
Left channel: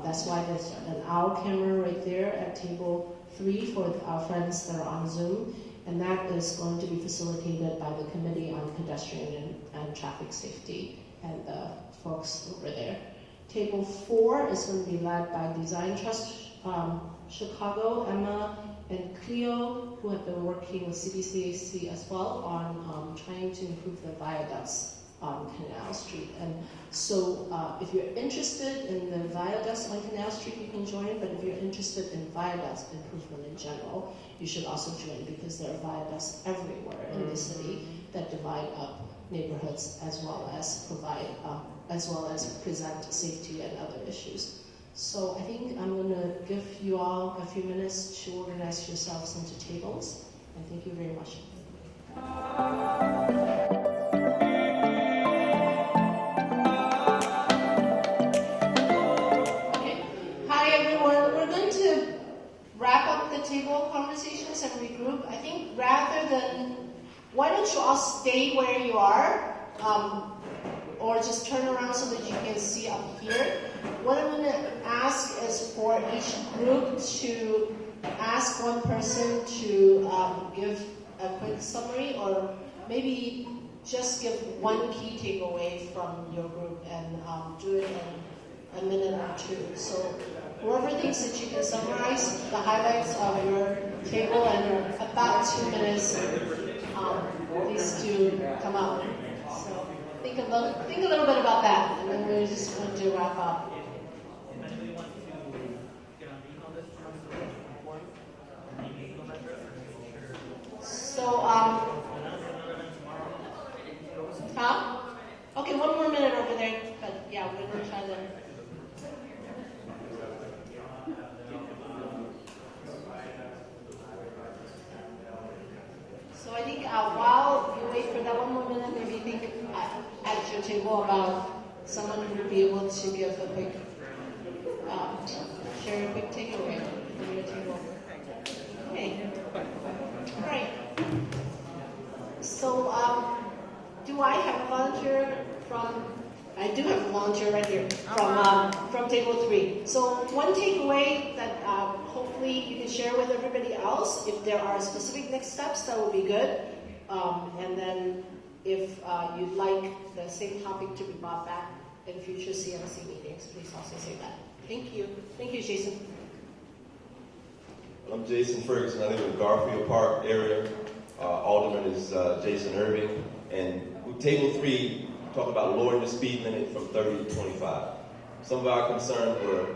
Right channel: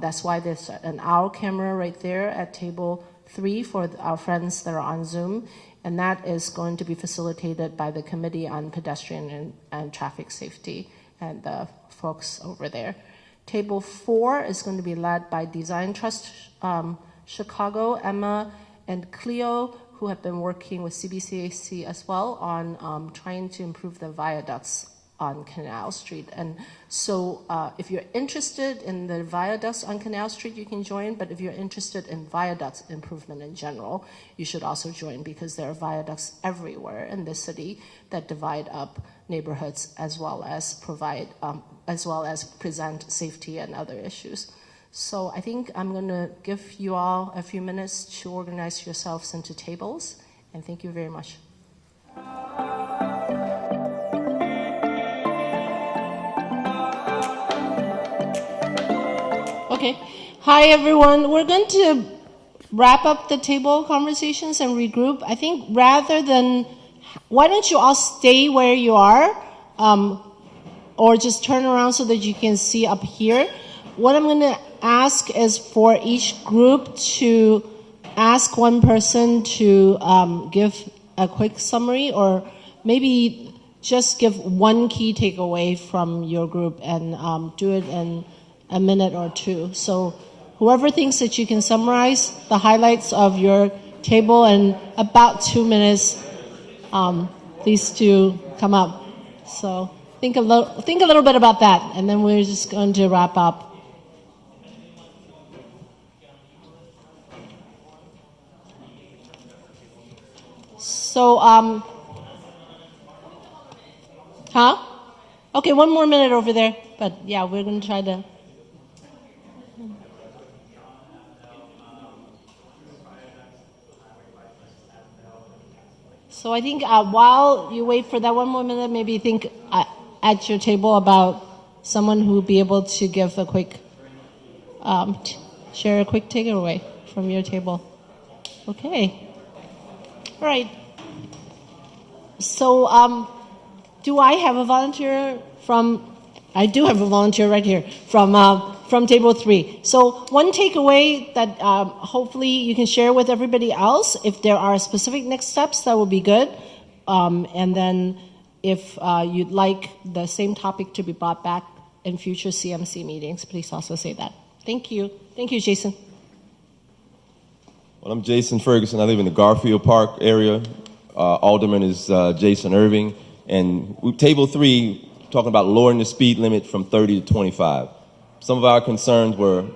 that's why there's an owl camera right there at table 3 for our friends that are on Zoom. And that is going to be facilitated by the Committee on Pedestrian and Traffic Safety and the folks over there. Table 4 is going to be led by Design Trust Chicago, Emma and Cleo, who have been working with CBCAC as well on trying to improve the viaducts on Canal Street. And so if you're interested in the viaducts on Canal Street, you can join, but if you're interested in viaducts improvement in general, you should also join, because there are viaducts everywhere in the city that divide up neighborhoods as well as provide, as well as present safety and other issues. So I think I'm going to give you all a few minutes to organize yourselves into tables, and thank you very much. Okay. Hi, everyone. We're going to wrap up the table conversations and regroup. I think rather than, why don't you all stay where you are, or just turn around so that you can see up here. What I'm going to ask is for each group to ask one person to give a quick summary, or maybe just give one key takeaway from your group, and do it in a minute or two. So whoever thinks that you can summarize the highlights of your table in about 2 minutes, please do come up. So think a little bit about that, and then we're just going to wrap up. So, Okay, 1 more minute over there, but yeah, we're going to try to. So I think while you wait for that 1 more minute, maybe think at your table about someone who would be able to give a quick, share a quick takeaway from your table. Okay. All right. So do I have a volunteer from, I do have a volunteer right here from table 3. So one takeaway that hopefully you can share with everybody else, if there are specific next steps, that would be good. And then if you'd like the same topic to be brought back in future CMC meetings, please also say that. Thank you. Thank you, Jason. Well, I'm Jason Ferguson. I live in the Garfield Park area. Alderman is Jason Irving. And table 3, talking about lowering the speed limit from 30 to 25. some of our concerns were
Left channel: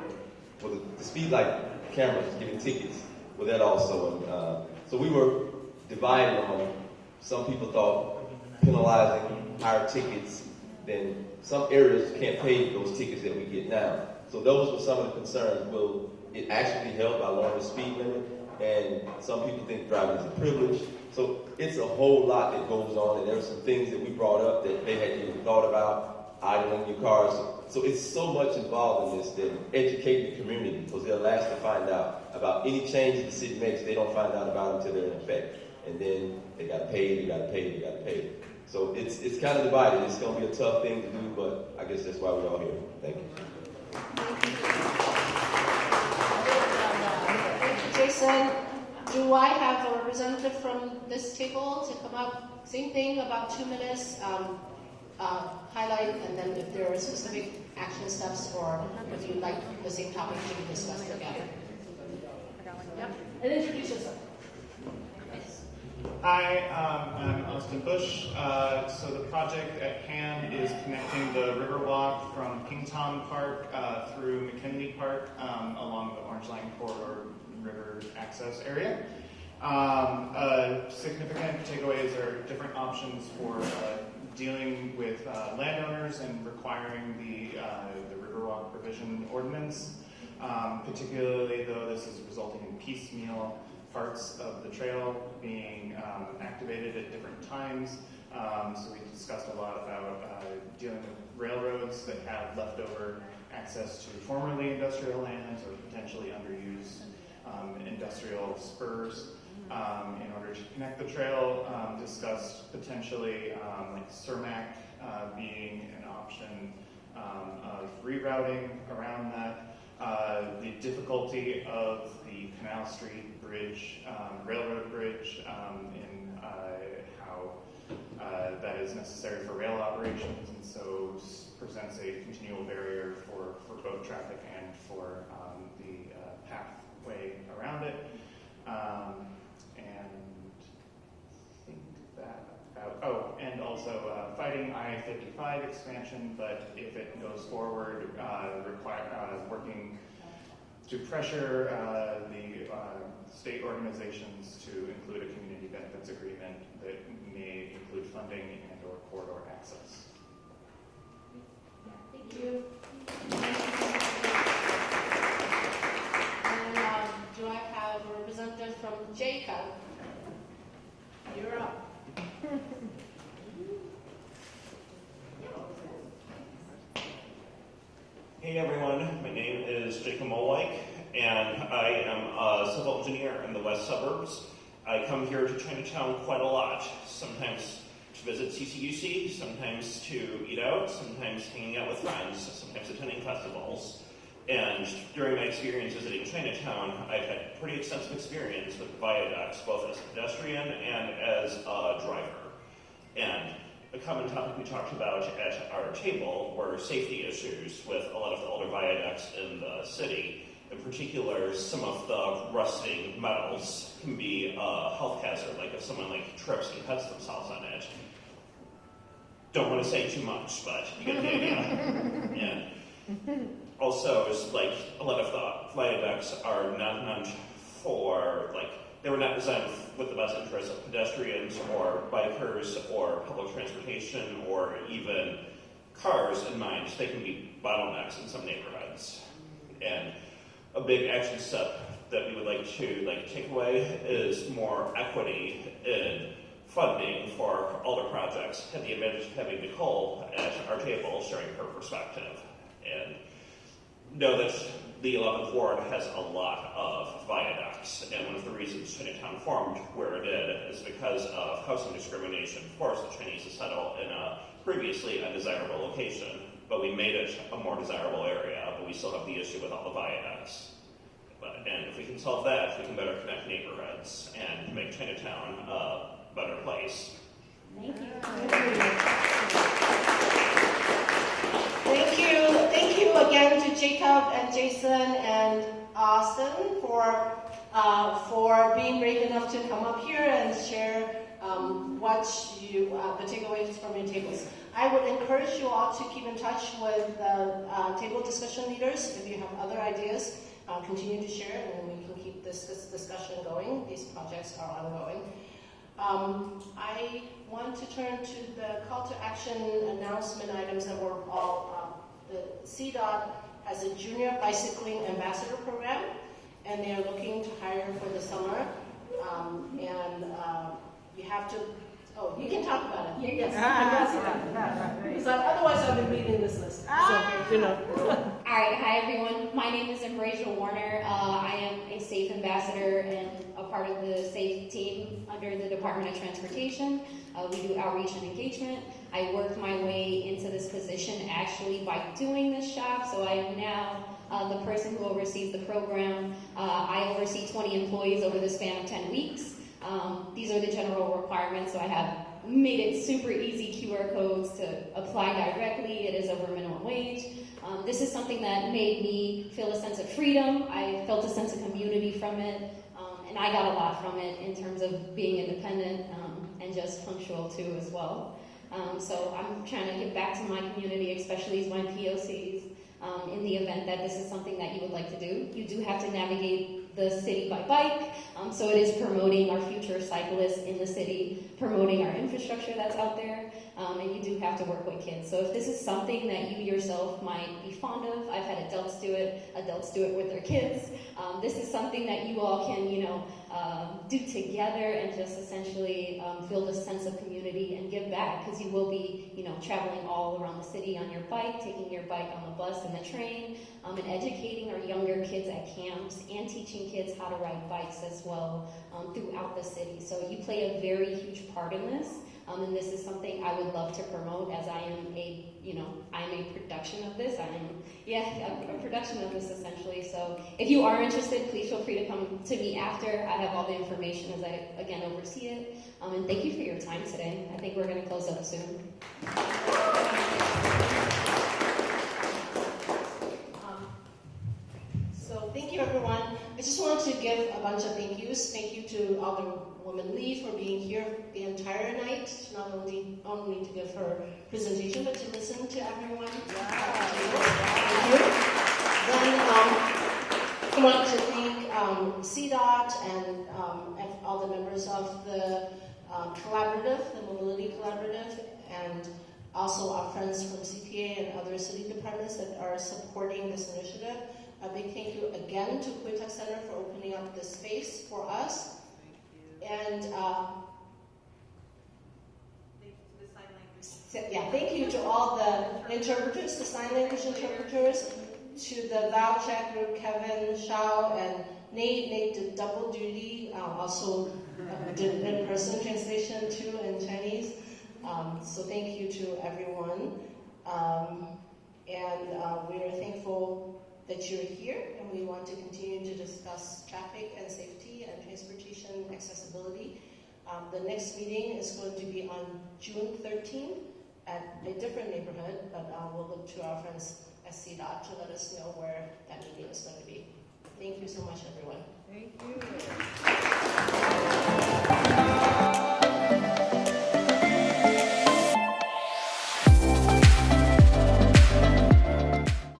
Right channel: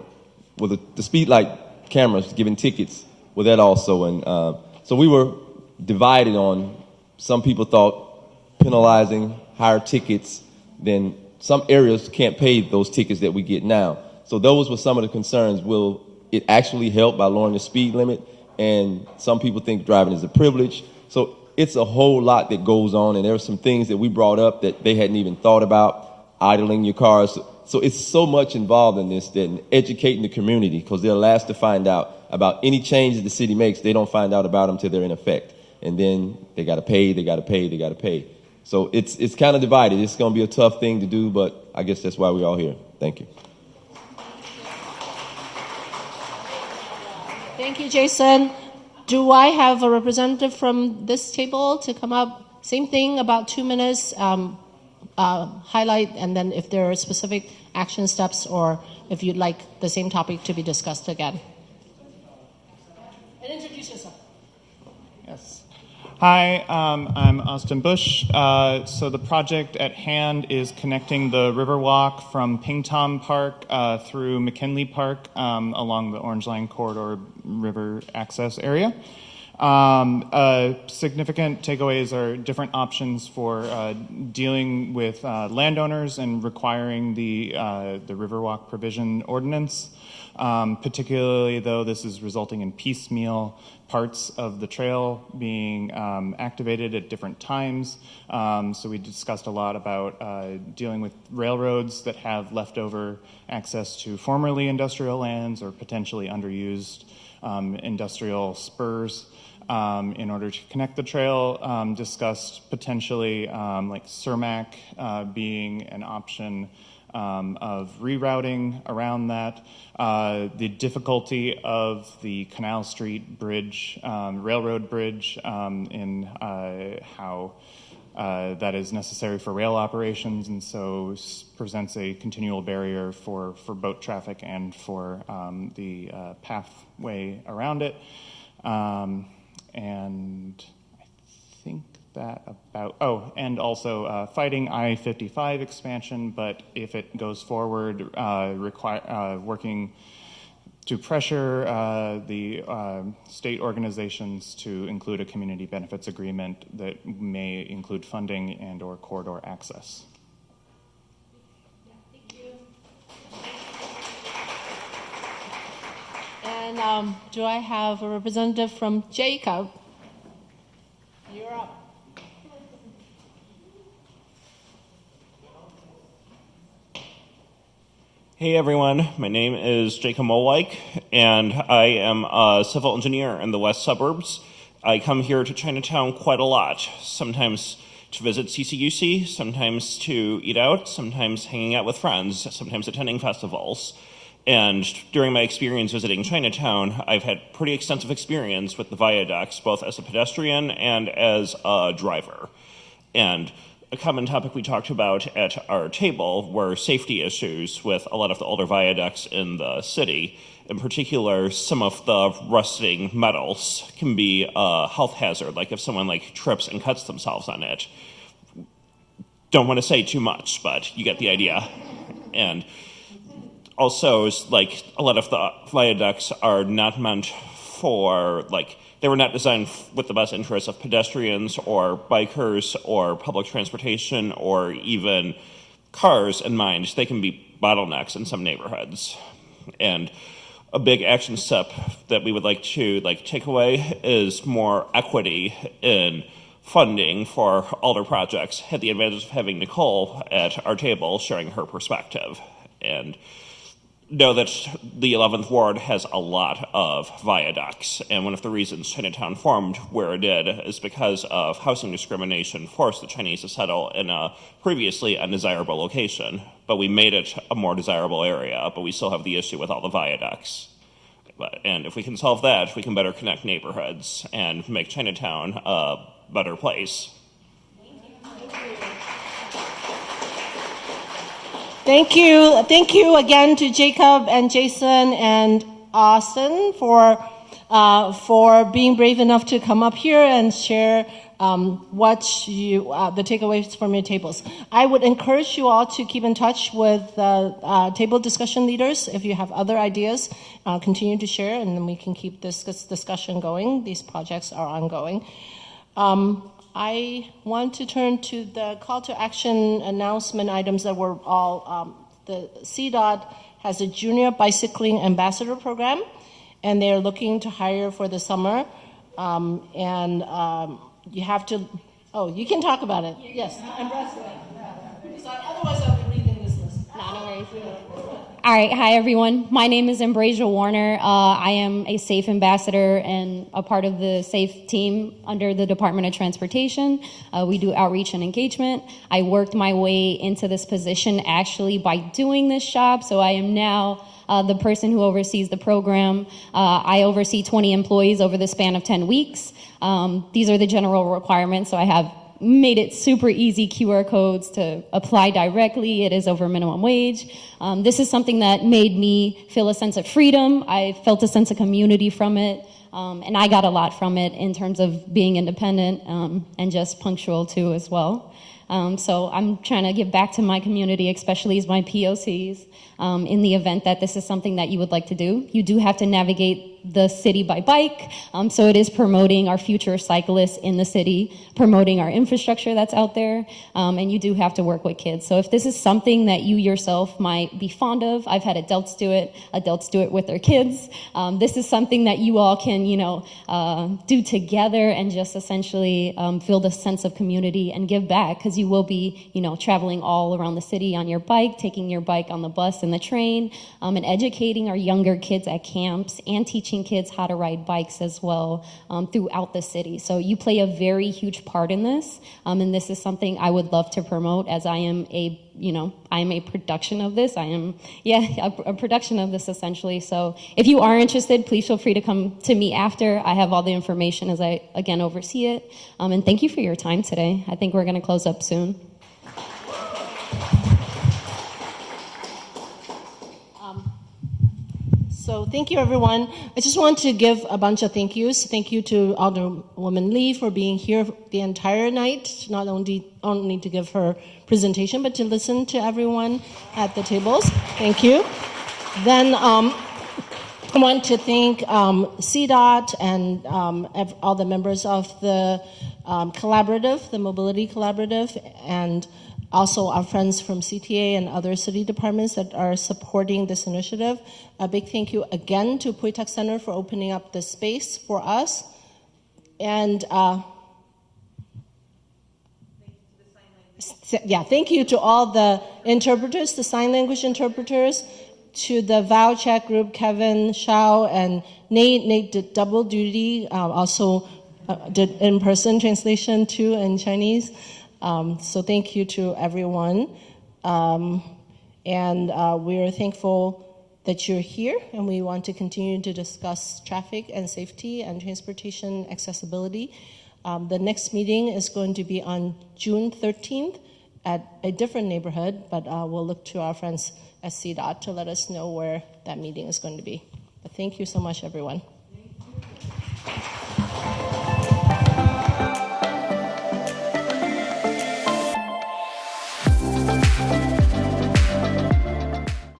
the speed light cameras giving tickets with that also. And so we were divided on, some people thought penalizing higher tickets, then some areas can't pay those tickets that we get now. So those were some of the concerns. Will it actually help by lowering the speed limit? And some people think driving is a privilege. So it's a whole lot that goes on, and there were some things that we brought up that they hadn't even thought about, idling your cars. So it's so much involved in this, that educating the community, because they're last to find out about any changes the city makes. They don't find out about them till they're in effect. And then they got to pay, they got to pay, they got to pay. So it's kind of divided. It's going to be a tough thing to do, but I guess that's why we're all here. Thank you. Thank you, Jason. Do I have a representative from this table to come up? Same thing, about 2 minutes, highlight, and then if there are specific action steps or if you'd like the same topic to be discussed again. And introduce yourself. Yes. Hi, I'm Austin Bush. So the project at hand is connecting the Riverwalk from Pingtom Park through McKinley Park along the Orange Line Corridor River access area. Significant takeaways are different options for dealing with landowners and requiring the Riverwalk provision ordinance. Particularly though this is resulting in piecemeal parts of the trail being activated at different times. So we discussed a lot about dealing with railroads that have leftover access to formerly industrial lands or potentially underused industrial spurs in order to connect the trail. Discussed potentially like Cermak being an option of rerouting around that. The difficulty of the Canal Street Bridge, railroad bridge, in how that is necessary for rail operations, and so presents a continual barrier for boat traffic and for the pathway around it. And I think that about, and also fighting I-55 expansion, but if it goes forward, working to pressure the state organizations to include a community benefits agreement that may include funding and or corridor access. Thank you. And do I have a representative from Jacob? You're up. Hey everyone, my name is Jacob Molwijk, and I am a civil engineer in the west suburbs. I come here to Chinatown quite a lot, sometimes to visit CCUC, sometimes to eat out, sometimes hanging out with friends, sometimes attending festivals. And during my experience visiting Chinatown, I've had pretty extensive experience with the viaducts, both as a pedestrian and as a driver. And a common topic we talked about at our table were safety issues with a lot of the older viaducts in the city. In particular, some of the rusting metals can be a health hazard, like if someone trips and cuts themselves on it. Don't want to say too much, but you get the idea. And also, a lot of the viaducts are not meant for, they were not designed with the best interests of pedestrians or bikers or public transportation or even cars in mind. They can be bottlenecks in some neighborhoods. And a big action step that we would like to take away is more equity in funding for older projects. Had the advantage of having Nicole at our table sharing her perspective. And know that the 11th Ward has a lot of viaducts, and one of the reasons Chinatown formed where it did is because of housing discrimination forced the Chinese to settle in a previously undesirable location, but we made it a more desirable area, but we still have the issue with all the viaducts. And if we can solve that, we can better connect neighborhoods and make Chinatown a better place. Thank you. Thank you again to Jacob and Jason and Austin for for being brave enough to come up here and share what you, the takeaways from your tables. I would encourage you all to keep in touch with table discussion leaders. If you have other ideas, continue to share, and then we can keep this discussion going. These projects are ongoing. I want to turn to the call to action announcement items that were all, the CDOT has a junior bicycling ambassador program, and they're looking to hire for the summer. You have to, oh, you can talk about it. Yes. Because otherwise I've been reading this list. So, you know. All right, hi everyone. My name is Ambrasia Warner. I am a SAFE ambassador and a part of the SAFE team under the Department of Transportation. We do outreach and engagement. I worked my way into this position actually by doing this job, so I am now the person who oversees the program. I oversee 20 employees over the span of 10 weeks. These are the general requirements, so I have made it super easy QR codes to apply directly. It is over minimum wage. This is something that made me feel a sense of freedom. I felt a sense of community from it, and I got a lot from it in terms of being independent and just punctual too as well. So I'm trying to give back to my community, especially as my POCs. In the event that this is something that you would like to do. You do have to navigate the city by bike, so it is promoting our future cyclists in the city, promoting our infrastructure that's out there, and you do have to work with kids. So if this is something that you yourself might be fond of, I've had adults do it with their kids. This is something that you all can, do together and just essentially feel the sense of community and give back, because you will be, traveling all around the city on your bike, taking your bike on the bus and the train, and educating our younger kids at camps and teaching kids how to ride bikes as well throughout the city. So you play a very huge part in this, and this is something I would love to promote, as I am a production of this. I am, a production of this essentially. So if you are interested, please feel free to come to me after. I have all the information as I, again, oversee it. And thank you for your time today. I think we're going to close up soon. So thank you, everyone. I just want to give a bunch of thank yous. Thank you to Alderwoman Lee for being here the entire night, not only to give her presentation, but to listen to everyone at the tables. Thank you. Then I want to thank CDOT and all the members of the collaborative, the Mobility Collaborative, and also our friends from CTA and other city departments that are supporting this initiative. A big thank you again to Pui Tak Center for opening up the space for us. And thank you to all the interpreters, the sign language interpreters, to the Vow Chat group, Kevin, Shao, and Nate. Nate did double duty, also did in-person translation too in Chinese. So thank you to everyone. And we're thankful that you're here, and we want to continue to discuss traffic and safety and transportation accessibility. The next meeting is going to be on June 13th at a different neighborhood, but we'll look to our friends at CDOT to let us know where that meeting is going to be. But thank you so much, everyone. Thank you.